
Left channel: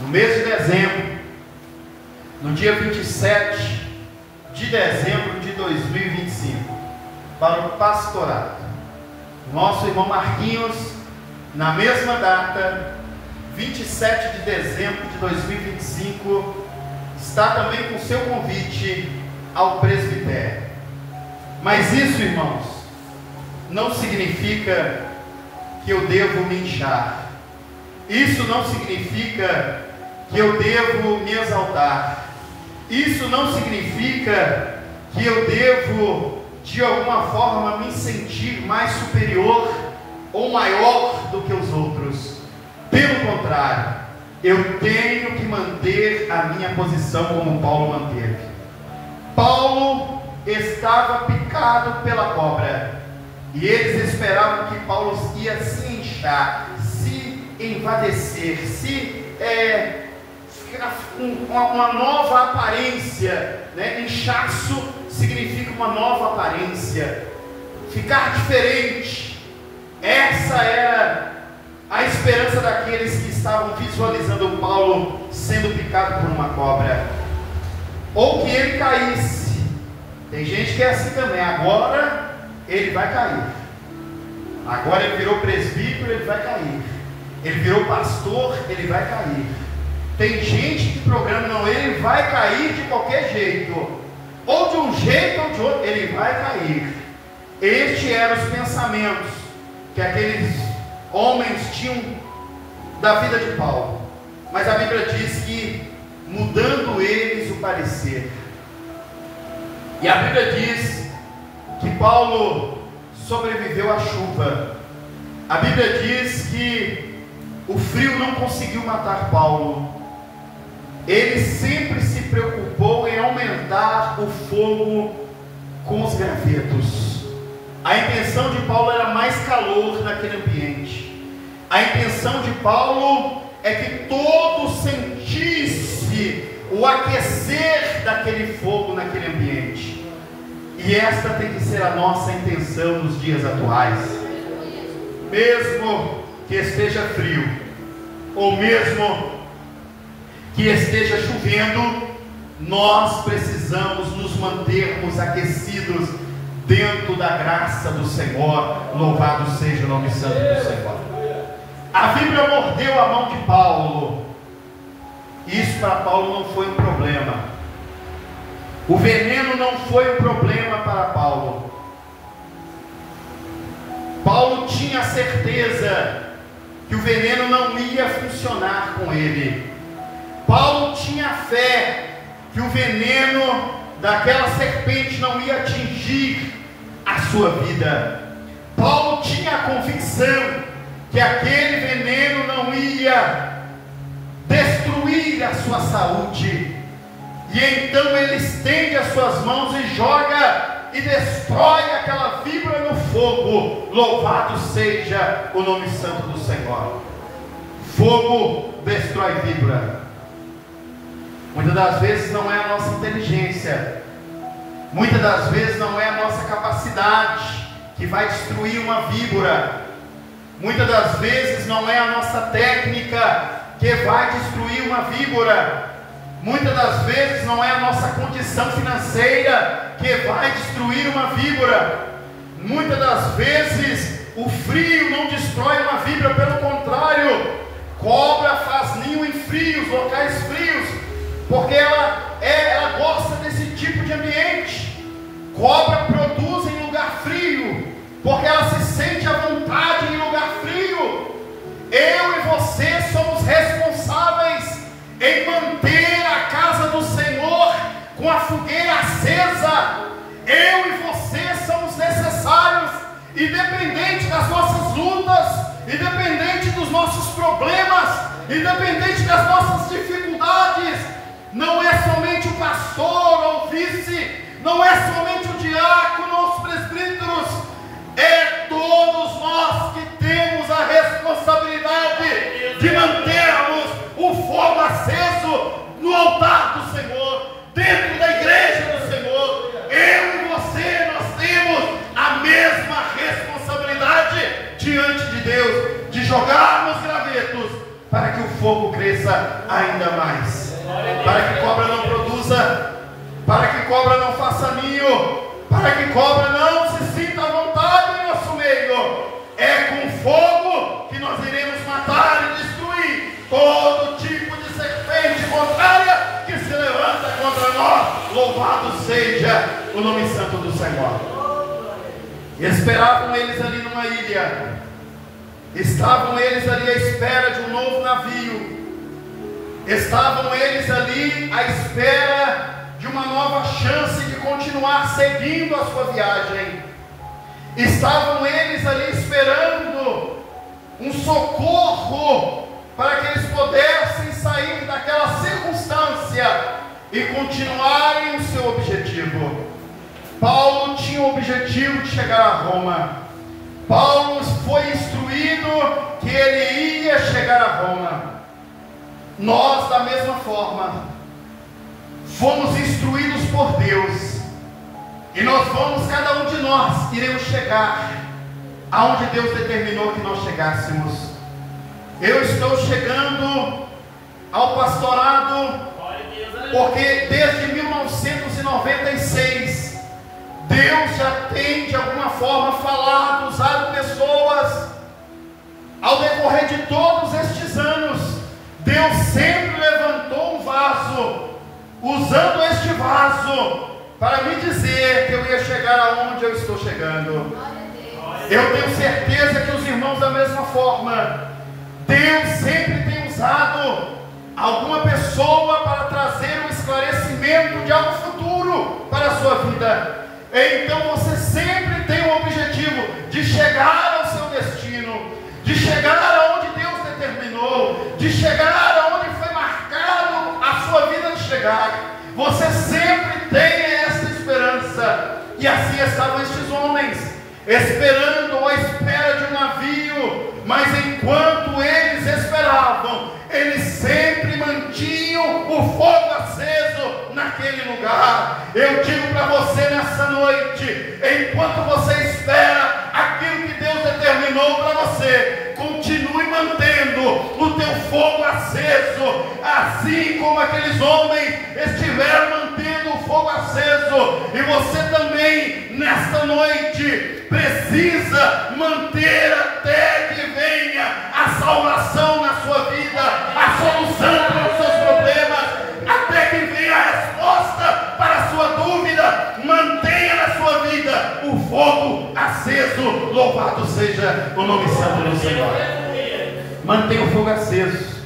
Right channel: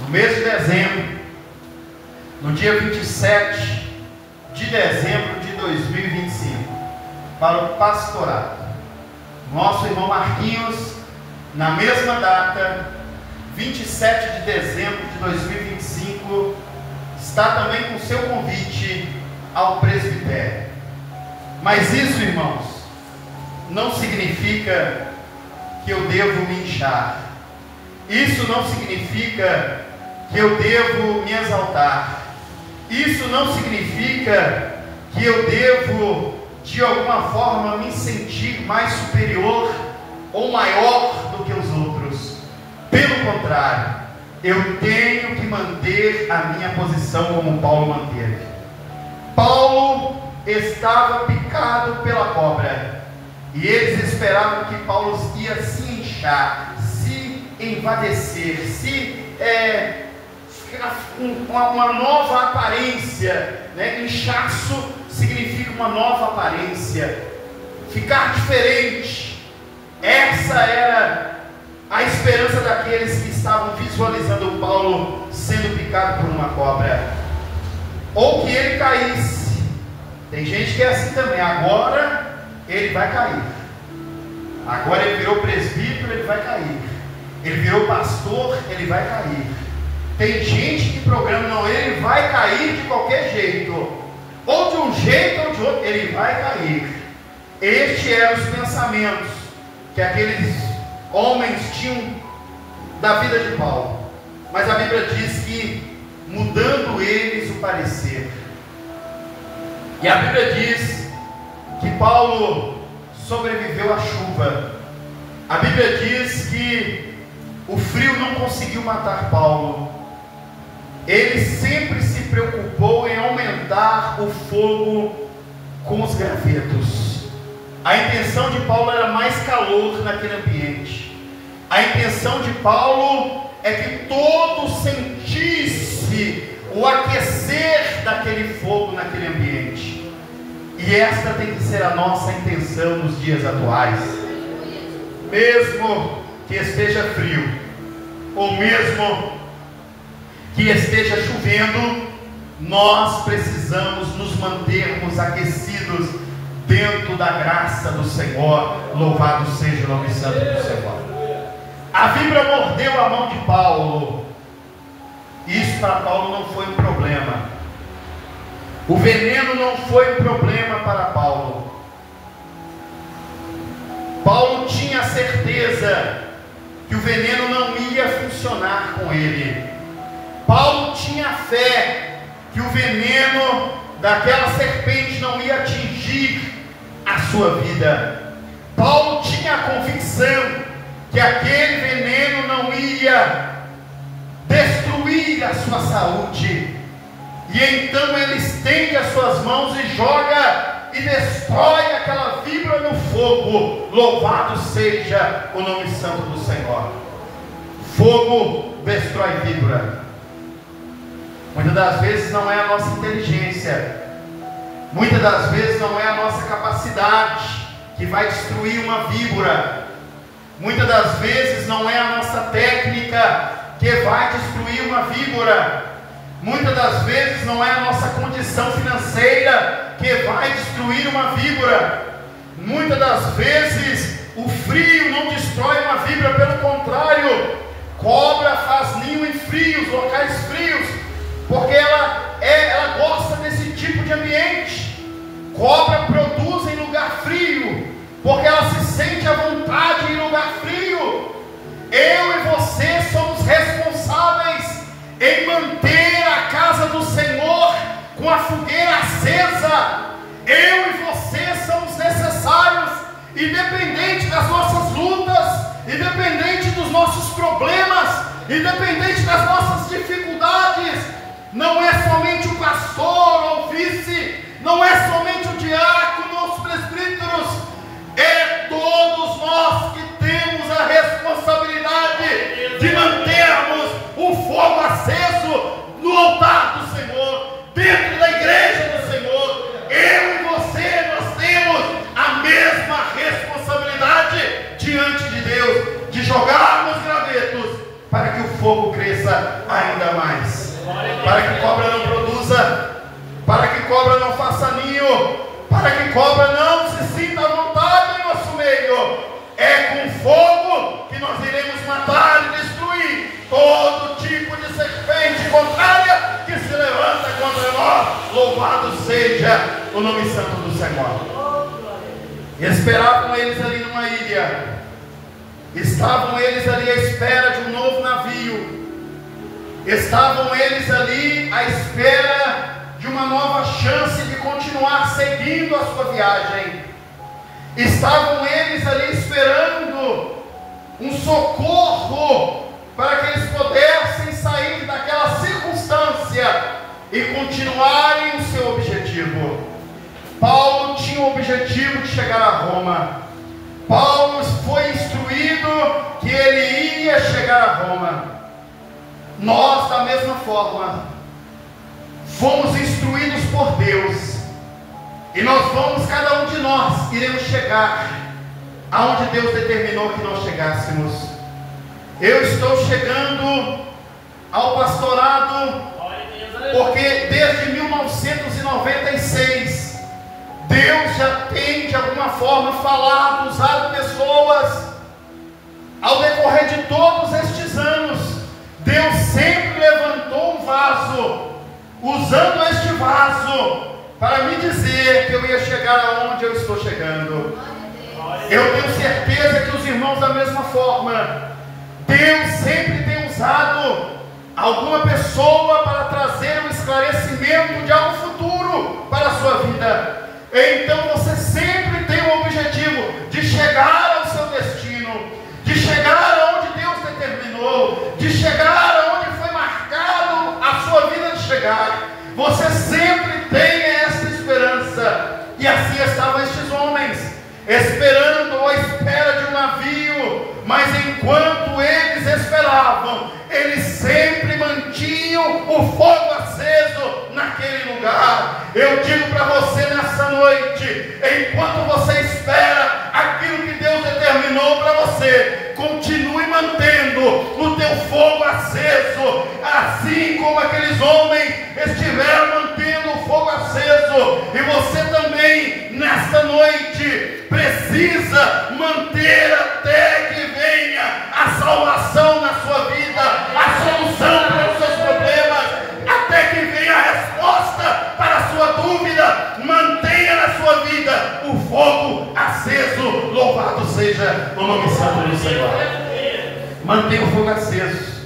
no mês de dezembro, no dia 27 de dezembro de 2025, para o pastorado. Nosso irmão Marquinhos, na mesma data, 27 de dezembro de 2025, está também com seu convite ao presbitério. Mas isso, irmãos, não significa que eu devo me inchar. Isso não significa que eu devo me exaltar. Isso não significa que eu devo, de alguma forma, me sentir mais superior ou maior do que os outros. Pelo contrário, eu tenho que manter a minha posição como Paulo manteve. Paulo estava picado pela cobra, e eles esperavam que Paulo ia se inchar, se envadecer, uma nova aparência, né? Inchaço significa uma nova aparência, ficar diferente. Essa era a esperança daqueles que estavam visualizando o Paulo sendo picado por uma cobra, ou que ele caísse. Tem gente que é assim também: agora ele vai cair, agora ele virou presbítero, ele vai cair, ele virou pastor, ele vai cair. Tem gente que programa: não, ele vai cair de qualquer jeito, ou de um jeito ou de outro, ele vai cair. Estes eram os pensamentos que aqueles homens tinham da vida de Paulo. Mas a Bíblia diz que mudando eles o parecer. E a Bíblia diz que Paulo sobreviveu à chuva. A Bíblia diz que o frio não conseguiu matar Paulo. Ele sempre se preocupou em aumentar o fogo com os gravetos. A intenção de Paulo era mais calor naquele ambiente. A intenção de Paulo é que todos sentissem o aquecer daquele fogo naquele ambiente. E esta tem que ser a nossa intenção nos dias atuais. Mesmo que esteja frio, ou mesmo que esteja chovendo, nós precisamos nos mantermos aquecidos dentro da graça do Senhor. Louvado seja o nome santo do Senhor. A víbora mordeu a mão de Paulo. Isso para Paulo não foi um problema. O veneno não foi um problema para Paulo. Paulo tinha certeza que o veneno não ia funcionar com ele. Paulo tinha fé que o veneno daquela serpente não ia atingir a sua vida. Paulo tinha a convicção que aquele veneno não ia destruir a sua saúde. E então ele estende as suas mãos e joga e destrói aquela víbora no fogo. Louvado seja o nome santo do Senhor. Fogo destrói víbora. Muitas das vezes não é a nossa inteligência, muitas das vezes não é a nossa capacidade que vai destruir uma víbora. Muitas das vezes não é a nossa técnica que vai destruir uma víbora. Muitas das vezes não é a nossa condição financeira que vai destruir uma víbora. Muitas das vezes o frio não destrói uma víbora, pelo contrário, cobra faz ninho em frios, locais frios, porque ela gosta desse tipo de ambiente. Cobra produz em lugar frio, porque ela se sente à vontade em lugar frio. Eu e você somos responsáveis em manter a casa do Senhor com a fogueira acesa. Eu e você somos necessários, independente das nossas lutas, independente dos nossos problemas, independente das nossas dificuldades. Não é somente o pastor ou o vice, não é somente o diácono ou os presbíteros, é todos nós que temos a responsabilidade de mantermos o fogo aceso no altar do Senhor, dentro da igreja do Senhor. Eu e você, nós temos a mesma responsabilidade diante de Deus, de jogarmos gravetos para que o fogo cresça ainda mais, para que cobra não produza, para que cobra não faça ninho, para que cobra não se sinta à vontade em nosso meio. É com fogo que nós iremos matar e destruir todo tipo de serpente contrária que se levanta contra nós. Louvado seja o nome santo do Senhor. Esperavam eles ali numa ilha, estavam eles ali à espera de um novo navio, estavam eles ali à espera de uma nova chance de continuar seguindo a sua viagem. Estavam eles ali esperando um socorro para que eles pudessem sair daquela circunstância e continuarem o seu objetivo. Paulo tinha o objetivo de chegar a Roma. Paulo foi instruído que ele ia chegar a Roma. Nós, da mesma forma, fomos instruídos por Deus, e nós vamos, cada um de nós, iremos chegar aonde Deus determinou que nós chegássemos. Eu estou chegando ao pastorado, porque desde 1996, Deus já tem de alguma forma falado, usado pessoas. Ao decorrer de todos estes anos, Deus sempre levantou um vaso, usando este vaso para me dizer que eu ia chegar aonde eu estou chegando. Eu tenho certeza que os irmãos da mesma forma. Deus sempre tem usado alguma pessoa para trazer um esclarecimento de algo futuro para a sua vida. Então você sempre tem o objetivo de chegar ao seu destino, de chegar aonde Deus determinou, de chegar aonde foi marcado a sua vida de chegar. Você sempre tem essa esperança. E assim estavam estes homens, esperando à espera de um navio. Mas enquanto eles esperavam, eles sempre mantinham o fogo aceso naquele lugar. Eu digo para você nessa noite, enquanto você espera aquilo que Deus determinou para você, continue mantendo o teu fogo aceso, assim como aqueles homens estiveram mantendo o fogo aceso. E você também, nesta noite, precisa manter até que venha a salvação na sua vida, a solução para os seus problemas, até que venha a resposta para a sua dúvida. Mantenha na sua vida o fogo aceso. Louvado seja o nome santo do Senhor. Mantenha o fogo aceso.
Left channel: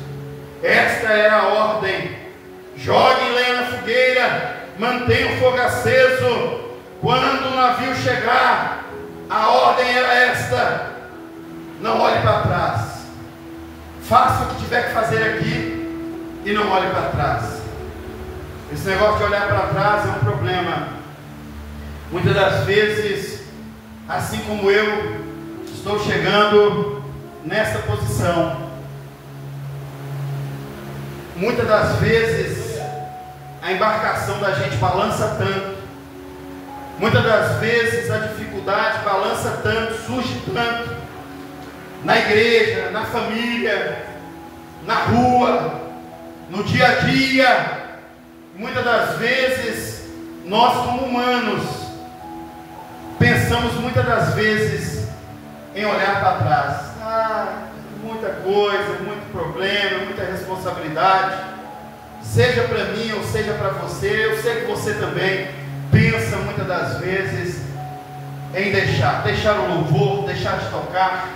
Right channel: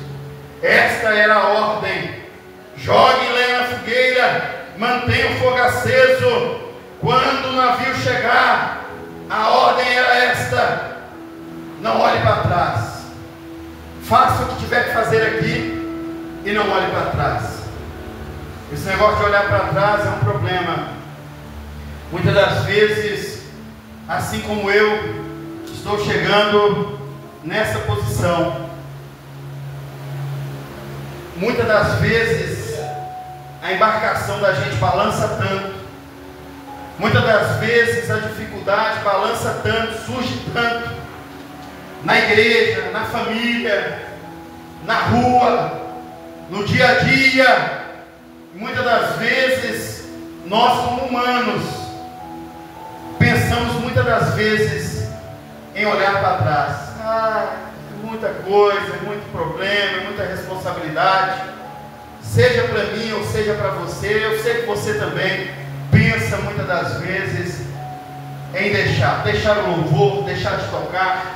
Esta era a ordem. Jogue lenha na fogueira. figueira, mantenha o fogo aceso. Quando o navio chegar, a ordem era esta: não olhe para trás, faça o que tiver que fazer aqui e não olhe para trás. Esse negócio de olhar para trás é um problema. Muitas das vezes, assim como eu estou chegando nessa posição, muitas das vezes a embarcação da gente balança tanto, muitas das vezes a dificuldade balança tanto, surge tanto, na igreja, na família, na rua, no dia a dia. Muitas das vezes nós, como humanos, pensamos muitas das vezes em olhar para trás. Muita coisa, muito problema, muita responsabilidade, seja para mim ou seja para você. Eu sei que você também pensa muitas das vezes em deixar o louvor, deixar de tocar,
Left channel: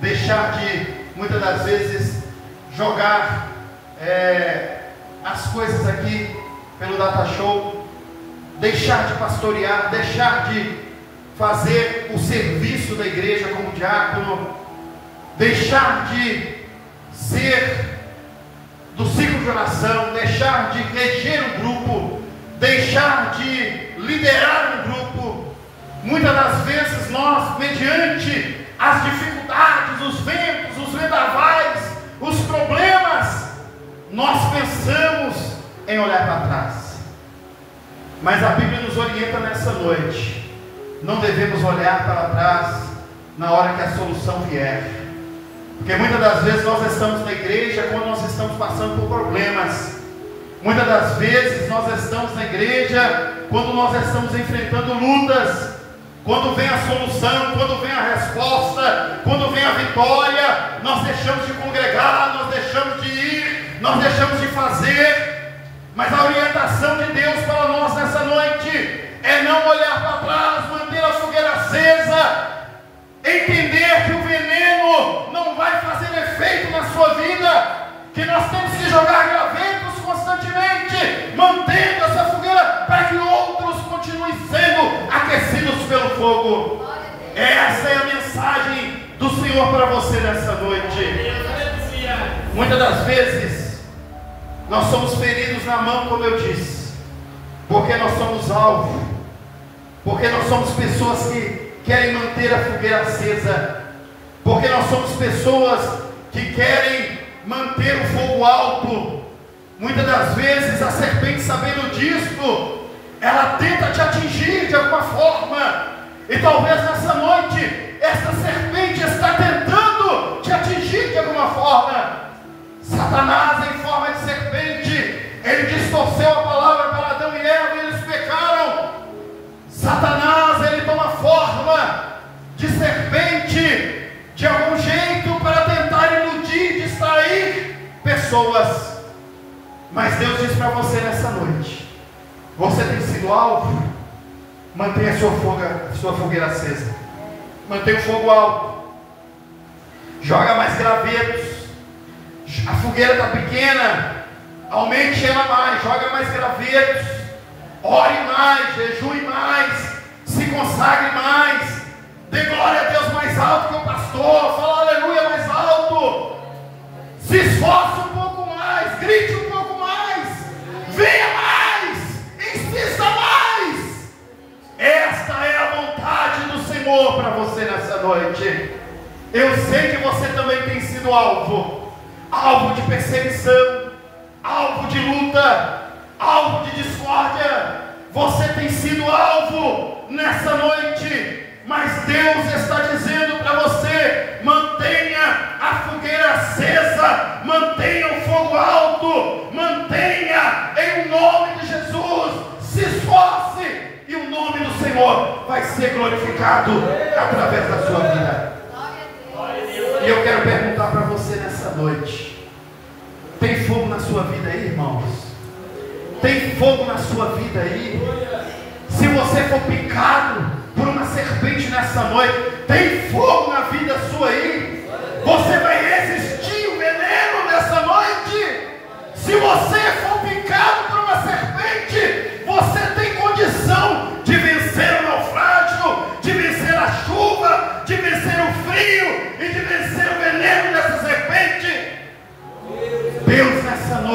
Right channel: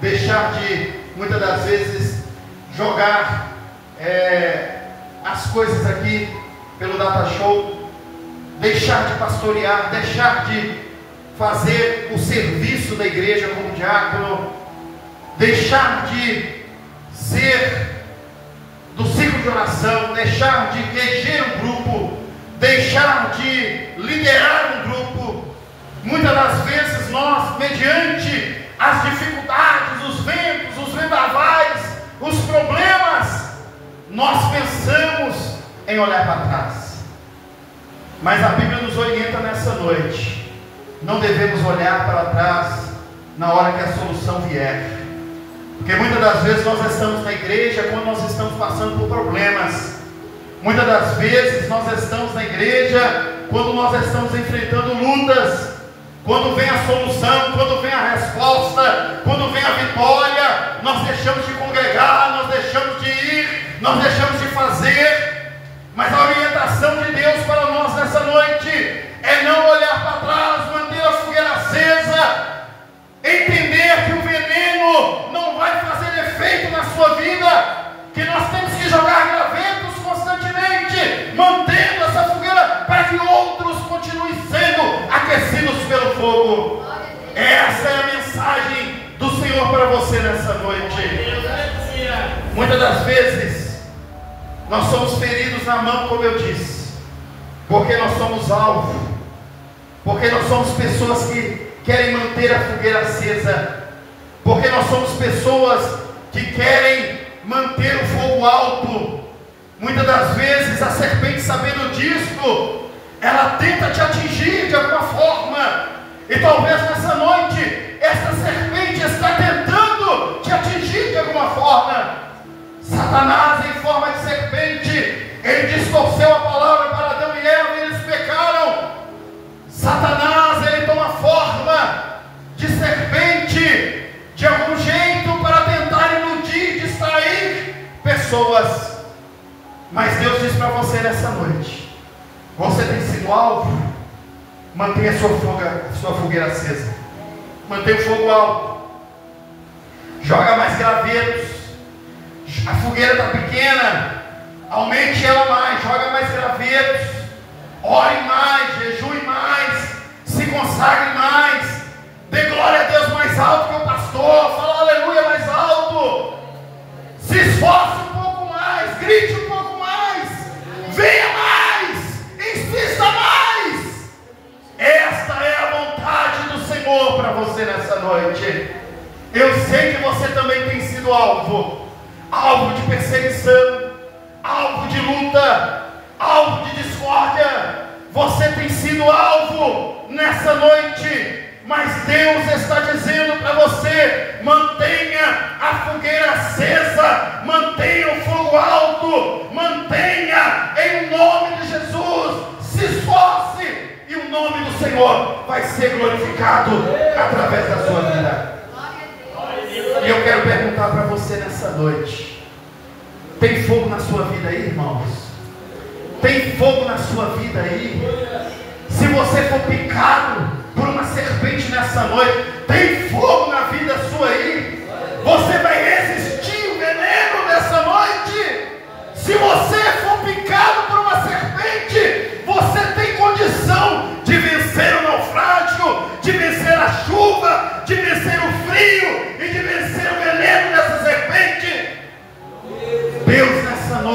deixar de, muitas das vezes, jogar as coisas aqui pelo Data Show, deixar de pastorear, deixar de fazer o serviço da igreja como diácono, deixar de ser do ciclo de oração, deixar de reger um grupo, deixar de liderar um grupo. Muitas das vezes nós, mediante as dificuldades, os ventos, os vendavais, os problemas, nós pensamos em olhar para trás. Mas a Bíblia nos orienta nessa noite: não devemos olhar para trás na hora que a solução vier. Porque muitas das vezes nós estamos na igreja quando nós estamos passando por problemas. Muitas das vezes nós estamos na igreja quando nós estamos enfrentando lutas. Quando vem a solução, quando vem a resposta, quando vem a vitória, nós deixamos de congregar, nós deixamos de ir, nós deixamos de fazer. Mas a orientação de Deus para nós nessa noite é não olhar para trás, manter a fogueira acesa, entender que o veneno não vai fazer efeito na sua vida, que nós temos que jogar gravetos constantemente, mantendo essa fogueira para que outros continuem sendo aquecidos pelo fogo. Essa é a mensagem do Senhor para você nessa noite. Muitas das vezes nós somos feridos na mão, como eu disse, porque nós somos alvo, porque nós somos pessoas que querem manter a fogueira acesa, porque nós somos pessoas que querem manter o fogo alto. Muitas das vezes a serpente, sabendo disto, ela tenta te atingir de alguma forma, e talvez nessa noite esta serpente está tentando te atingir de alguma forma. Satanás, em forma de serpente, ele distorceu a palavra para Adão e Eva e eles pecaram. Satanás, ele toma forma de serpente de algum jeito para tentar iludir, distrair pessoas. Mas Deus diz para você nessa noite: você tem sido alvo, mantenha a sua fogueira acesa, mantenha o fogo alto, joga mais gravetos. A fogueira está pequena, aumente ela mais, joga mais gravetos, ore mais, jejue mais, se consagre mais, dê glória a Deus mais alto que o pastor, fala aleluia mais alto, se esforce um pouco mais, grite um pouco mais, venha mais, insista mais. Esta é a vontade do Senhor para você nessa noite. Eu sei que você também tem sido alvo de perseguição, alvo de luta, alvo de discórdia. Você tem sido alvo nessa noite, mas Deus está dizendo para você: mantenha a fogueira acesa, mantenha o fogo alto, mantenha em nome de Jesus, se esforce, e o nome do Senhor vai ser glorificado através da sua vida. E eu quero perguntar para você nessa noite: tem fogo na sua vida aí, irmãos? Tem fogo na sua vida aí? Se você for picado por uma serpente nessa noite, tem fogo na vida sua aí? Você vai resistir o veneno nessa noite? Se você for picado por uma serpente,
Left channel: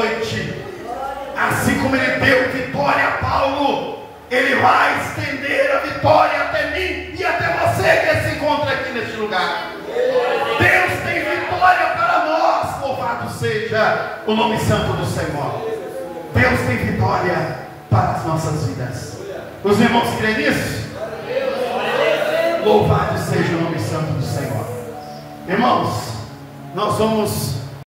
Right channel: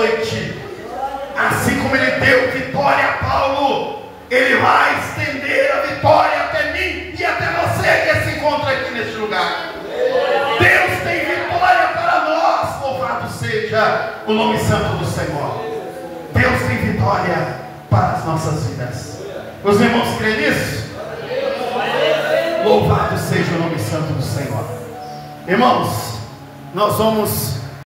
noite, assim como Ele deu vitória a Paulo, Ele vai estender a vitória até mim e até você que se encontra aqui neste lugar. Deus tem vitória para nós, louvado seja o nome santo do Senhor. Deus tem vitória para as nossas vidas. Os irmãos creem nisso? Louvado seja o nome santo do Senhor. Irmãos, nós vamos